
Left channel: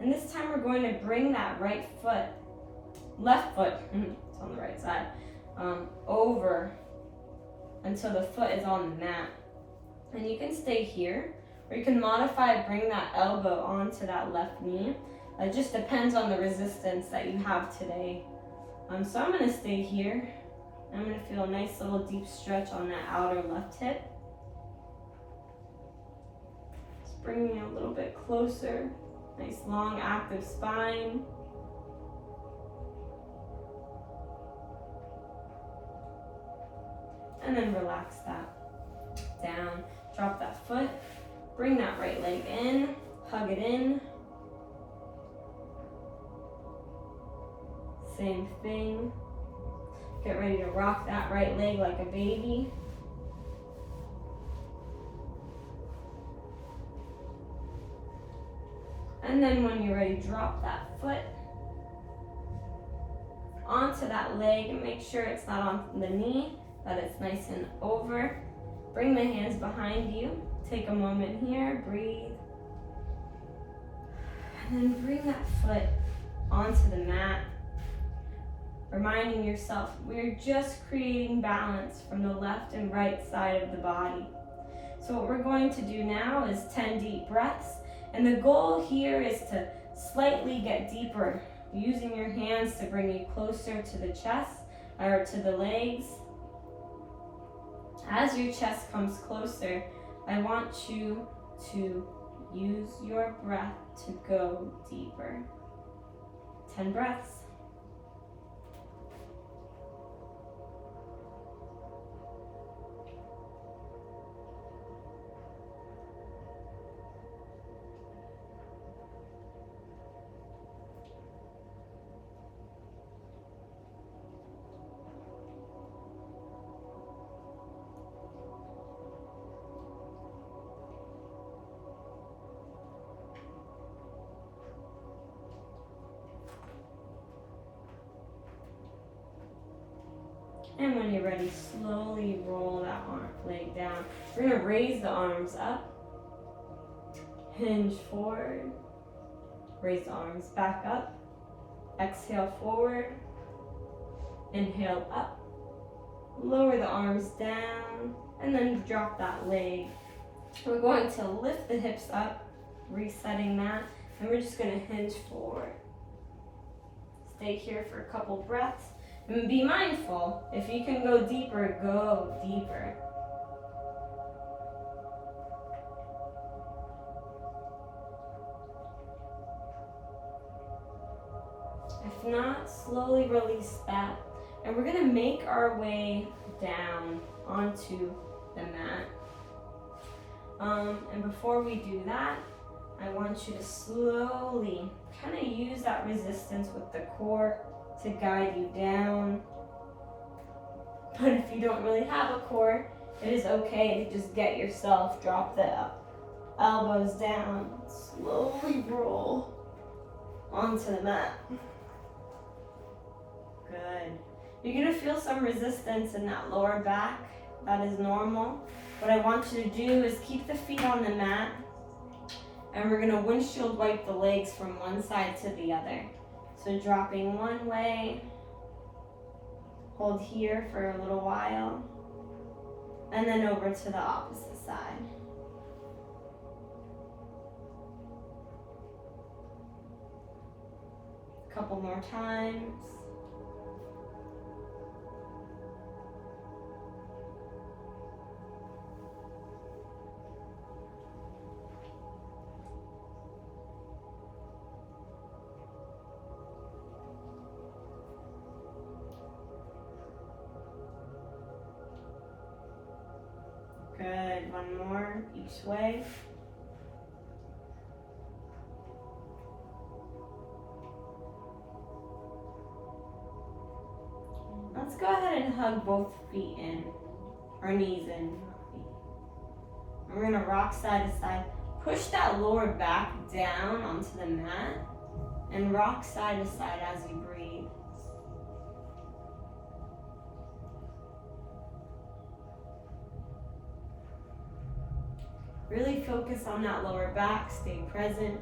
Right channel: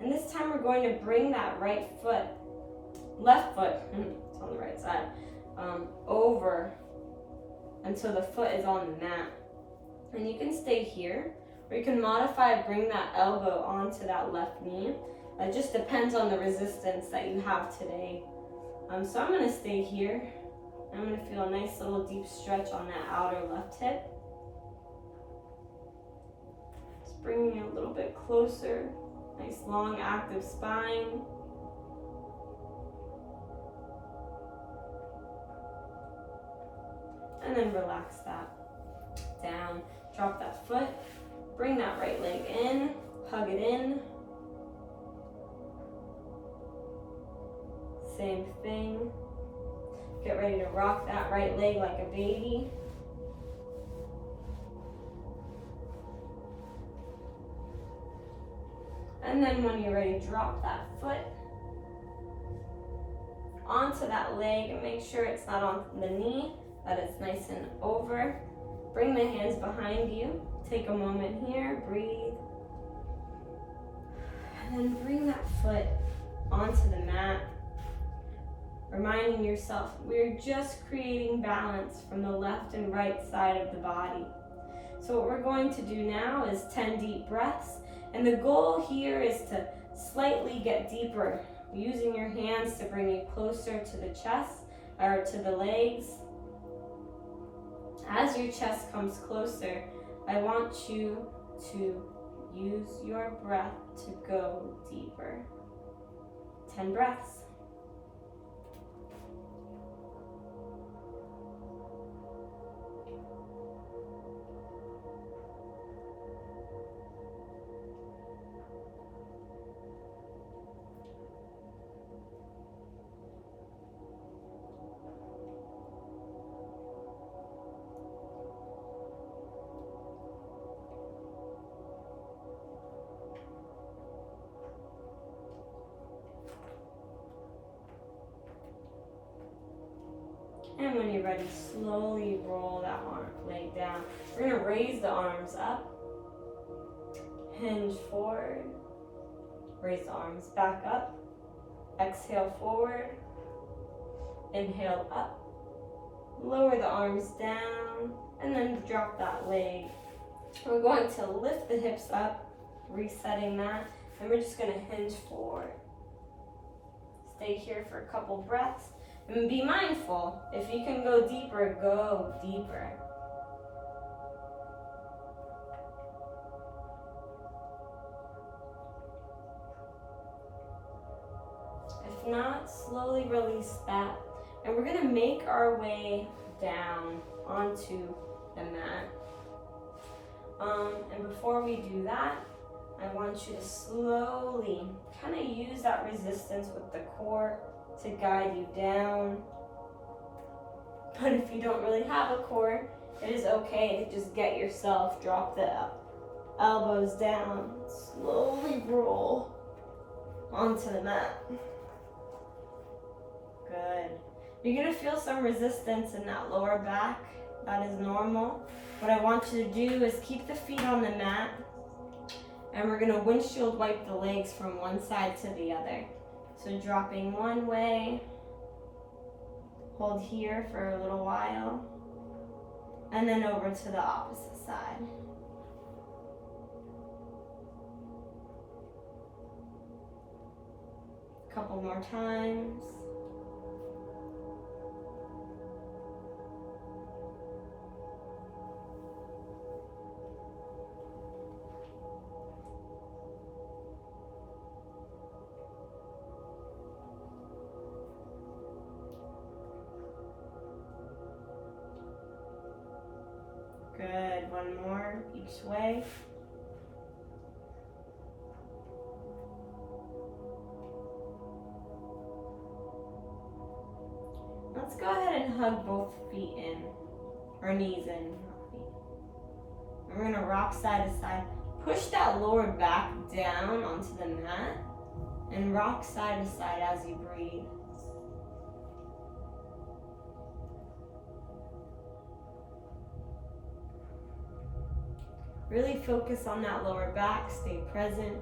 And this time we're going to bring that right foot, left foot, it's on the right side, over until the foot is on the mat. And you can stay here, or you can modify, bring that elbow onto that left knee. It just depends on the resistance that you have today. So I'm gonna stay here. I'm gonna feel a nice little deep stretch on that outer left hip. Just bringing it a little bit closer. Nice long active spine. And then relax that down. Drop that foot, bring that right leg in, hug it in. Same thing. Get ready to rock that right leg like a baby. And then when you're ready, drop that foot onto that leg and make sure it's not on the knee, that it's nice and over. Bring the hands behind you. Take a moment here, breathe. And then bring that foot onto the mat. Reminding yourself, we're just creating balance from the left and right side of the body. So what we're going to do now is 10 deep breaths. And the goal here is to slightly get deeper, using your hands to bring you closer to the chest or to the legs. As your chest comes closer, I want you to use your breath to go deeper. 10 breaths. And when you're ready, slowly roll that leg down. We're gonna raise the arms up, hinge forward, raise the arms back up, exhale forward, inhale up, lower the arms down, and then drop that leg. We're going to lift the hips up, resetting that, and we're just gonna hinge forward. Stay here for a couple breaths. And be mindful, if you can go deeper, go deeper. If not, slowly release that. And we're gonna make our way down onto the mat. And before we do that, I want you to slowly kind of use that resistance with the core to guide you down. But if you don't really have a core, it is okay to just get yourself, drop the elbows down, slowly roll onto the mat. Good. You're gonna feel some resistance in that lower back. That is normal. What I want you to do is keep the feet on the mat, and we're gonna windshield wipe the legs from one side to the other. So dropping one way, hold here for a little while, and then over to the opposite side. A couple more times. Good, one more each way. Let's go ahead and hug both feet in, or knees in, not feet. And we're gonna rock side to side. Push that lower back down onto the mat and rock side to side as you breathe. Really focus on that lower back, stay present.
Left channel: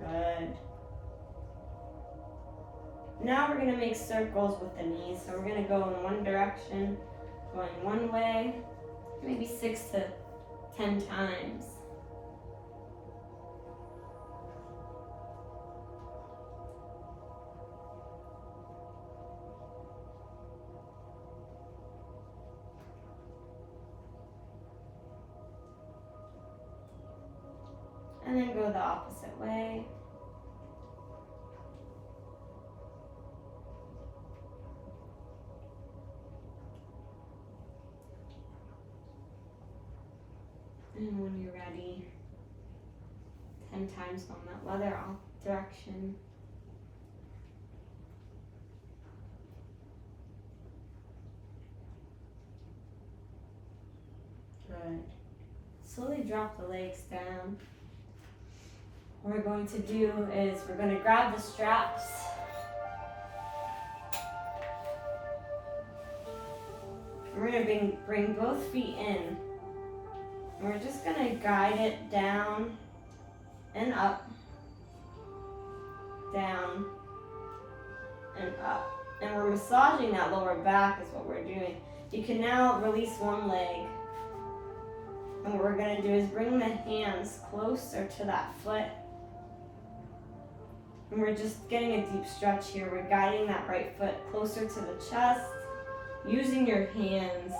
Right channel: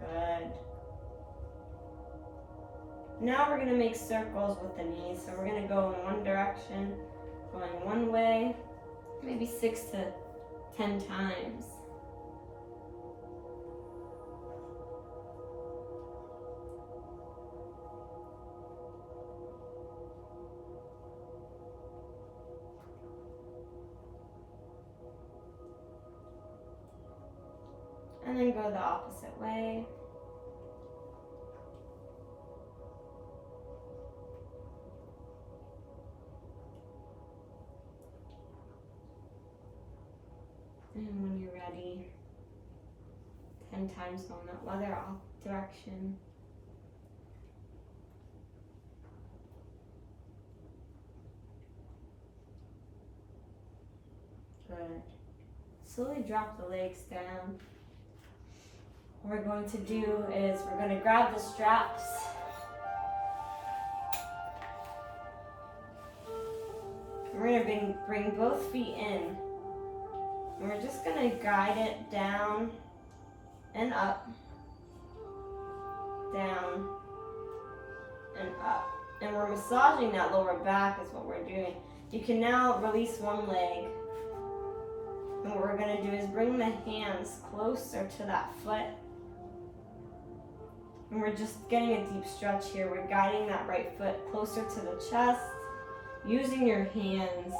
Good. Now we're gonna make circles with the knees. So we're gonna go in one direction, going one way, maybe 6 to 10 times. And then go the opposite way. And when you're ready, 10 times going that other direction. Good. Slowly drop the legs down. what we're going to do is we're going to grab the straps. We're going to bring both feet in. And we're just going to guide it down and up, down and up. And we're massaging that lower back is what we're doing. You can now release one leg. And what we're going to do is bring the hands closer to that foot. And we're just getting a deep stretch here. We're guiding that right foot closer to the chest, using your hands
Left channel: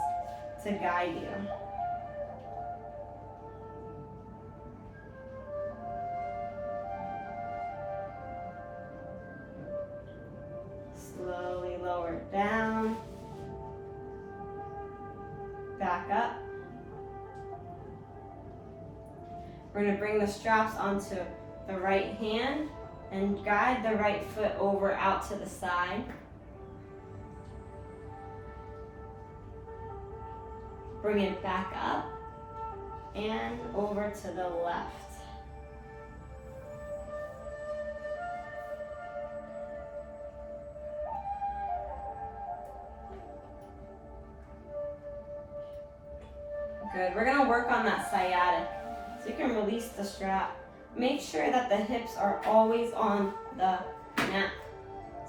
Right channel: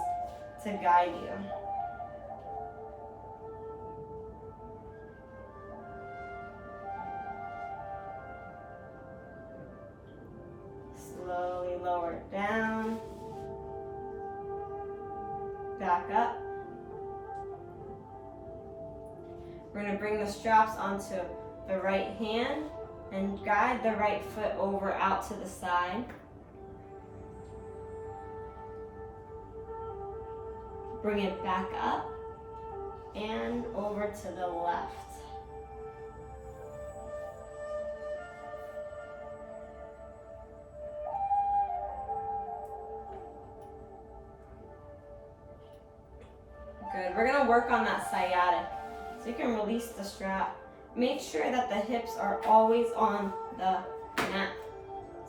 to guide you. Slowly lower it down, back up. We're going to bring the straps onto the right hand and guide the right foot over out to the side. Bring it back up and over to the left. Good. We're going to work on that sciatic. So you can release the strap. Make sure that the hips are always on the mat.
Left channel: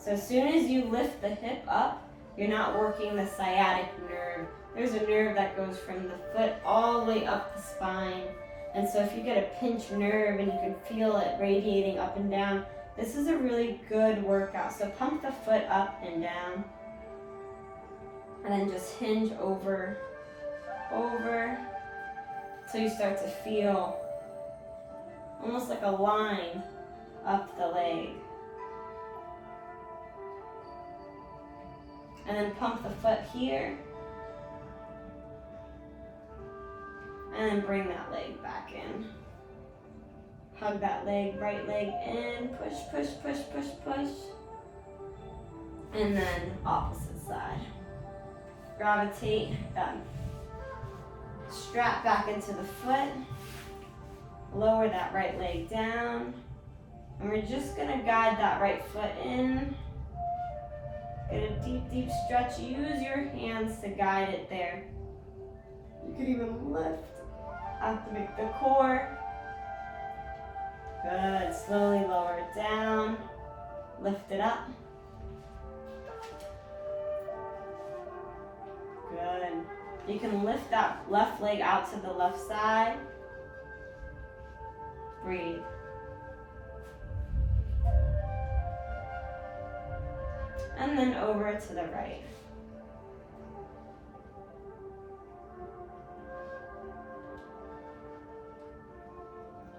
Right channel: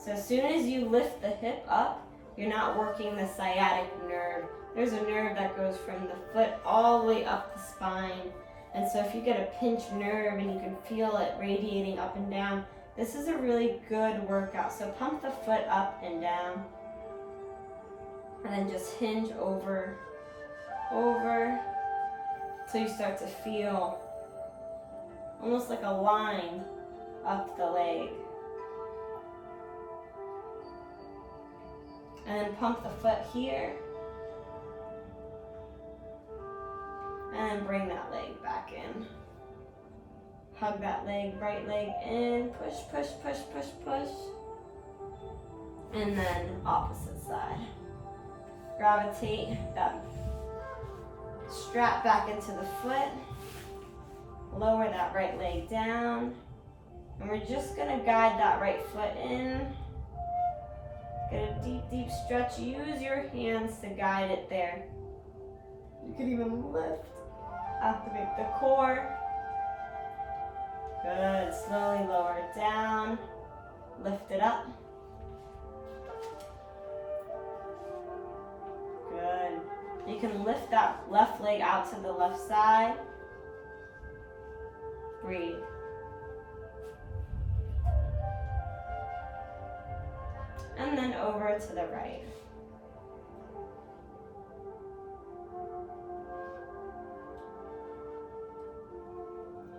So as soon as you lift the hip up, you're not working the sciatic nerve. There's a nerve that goes from the foot all the way up the spine. And so if you get a pinched nerve and you can feel it radiating up and down, this is a really good workout. So pump the foot up and down. And then just hinge over, till you start to feel almost like a line up the leg. And then pump the foot here. And then bring that leg back in. Hug that leg, right leg in, push, push, push, push, push. And then opposite side. Gravitate that strap back into the foot. Lower that right leg down. And we're just gonna guide that right foot in. Get a deep, deep stretch. Use your hands to guide it there. You can even lift. Activate the core. Good. Slowly lower it down. Lift it up. Good. You can lift that left leg out to the left side. Breathe. And then over to the right.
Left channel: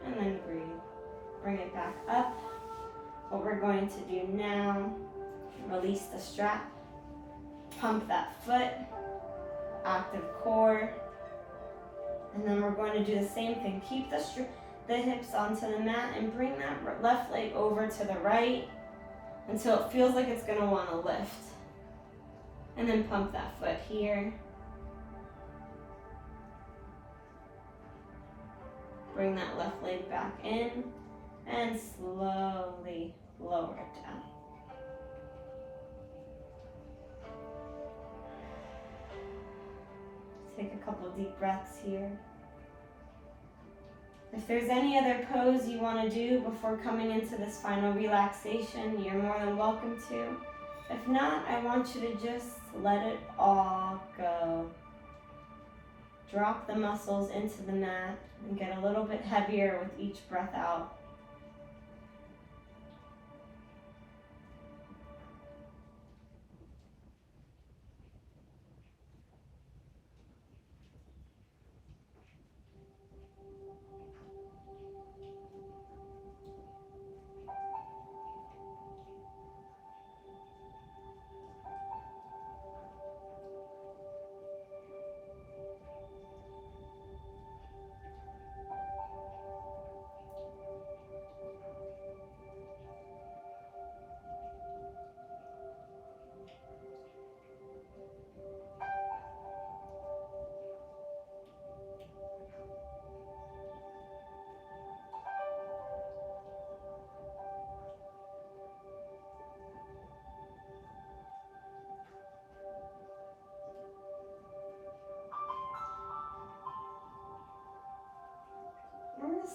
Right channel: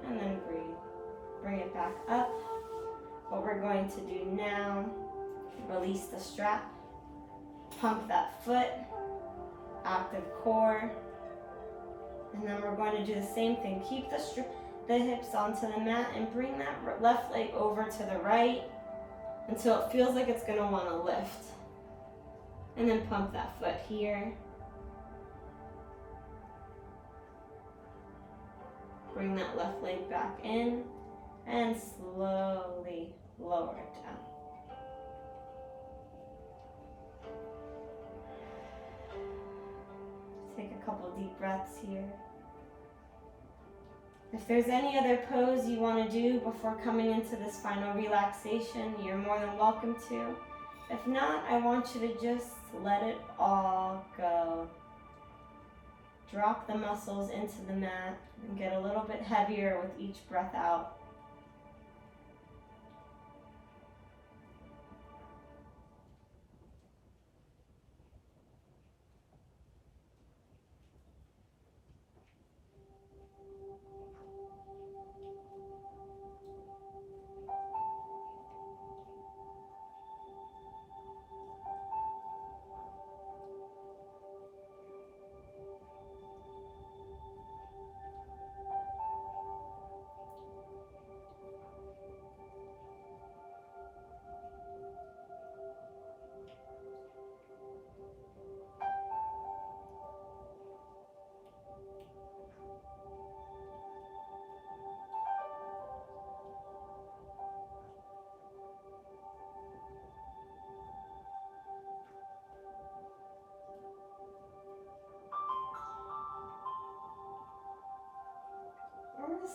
And then breathe. Bring it back up. What we're going to do now, release the strap, pump that foot, active core, and then we're going to do the same thing. Keep the hips onto the mat and bring that left leg over to the right until it feels like it's going to want to lift. And then pump that foot here. Bring that left leg back in and slowly lower it down. Take a couple deep breaths here. If there's any other pose you want to do before coming into this final relaxation, you're more than welcome to. If not, I want you to just let it all go. Drop the muscles into the mat and get a little bit heavier with each breath out.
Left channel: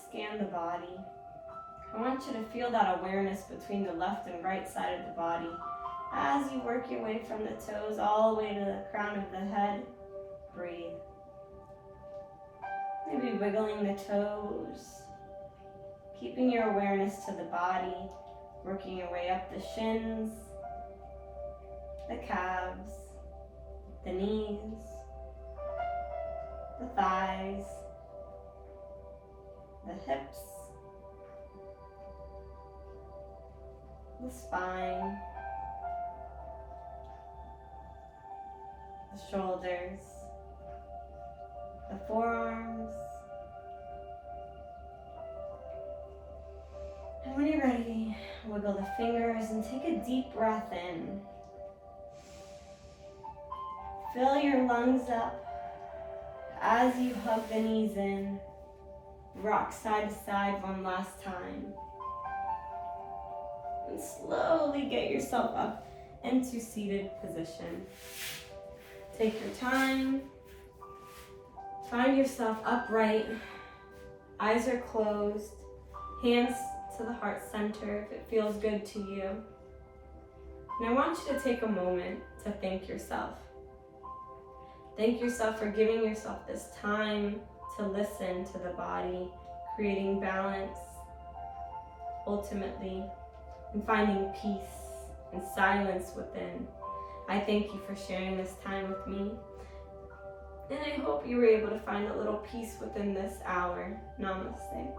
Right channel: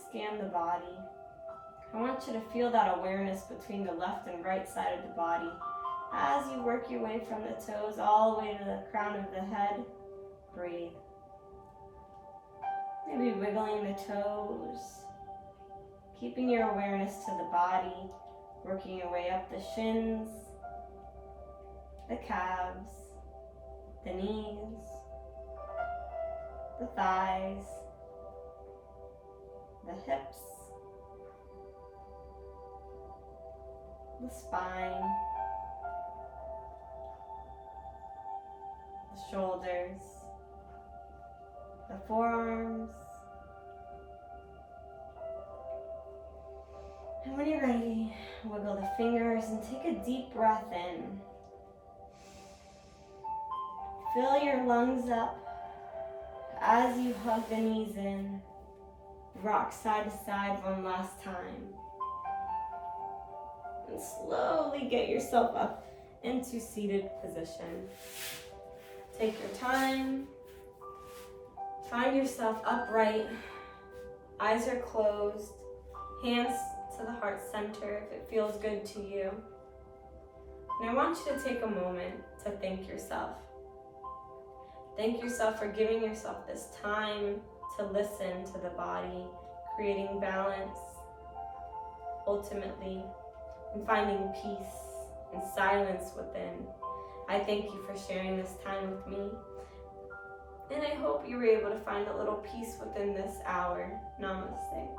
scan the body. I want you to feel that awareness between the left and right side of the body as you work your way from the toes all the way to the crown of the head. Breathe. Maybe wiggling the toes, keeping your awareness to the body, working your way up the shins, the calves, the knees, the thighs, the hips, the spine, the shoulders, the forearms. And when you're ready, wiggle the fingers and take a deep breath in. Fill your lungs up as you hug the knees in. Rock side to side one last time. And slowly get yourself up into seated position. Take your time. Find yourself upright. Eyes are closed. Hands to the heart center if it feels good to you. And I want you to take a moment to thank yourself. Thank yourself for giving yourself this time to listen to the body, creating balance, ultimately, and finding peace and silence within. I thank you for sharing this time with me. And I hope you were able to find a little peace within this hour. Namaste.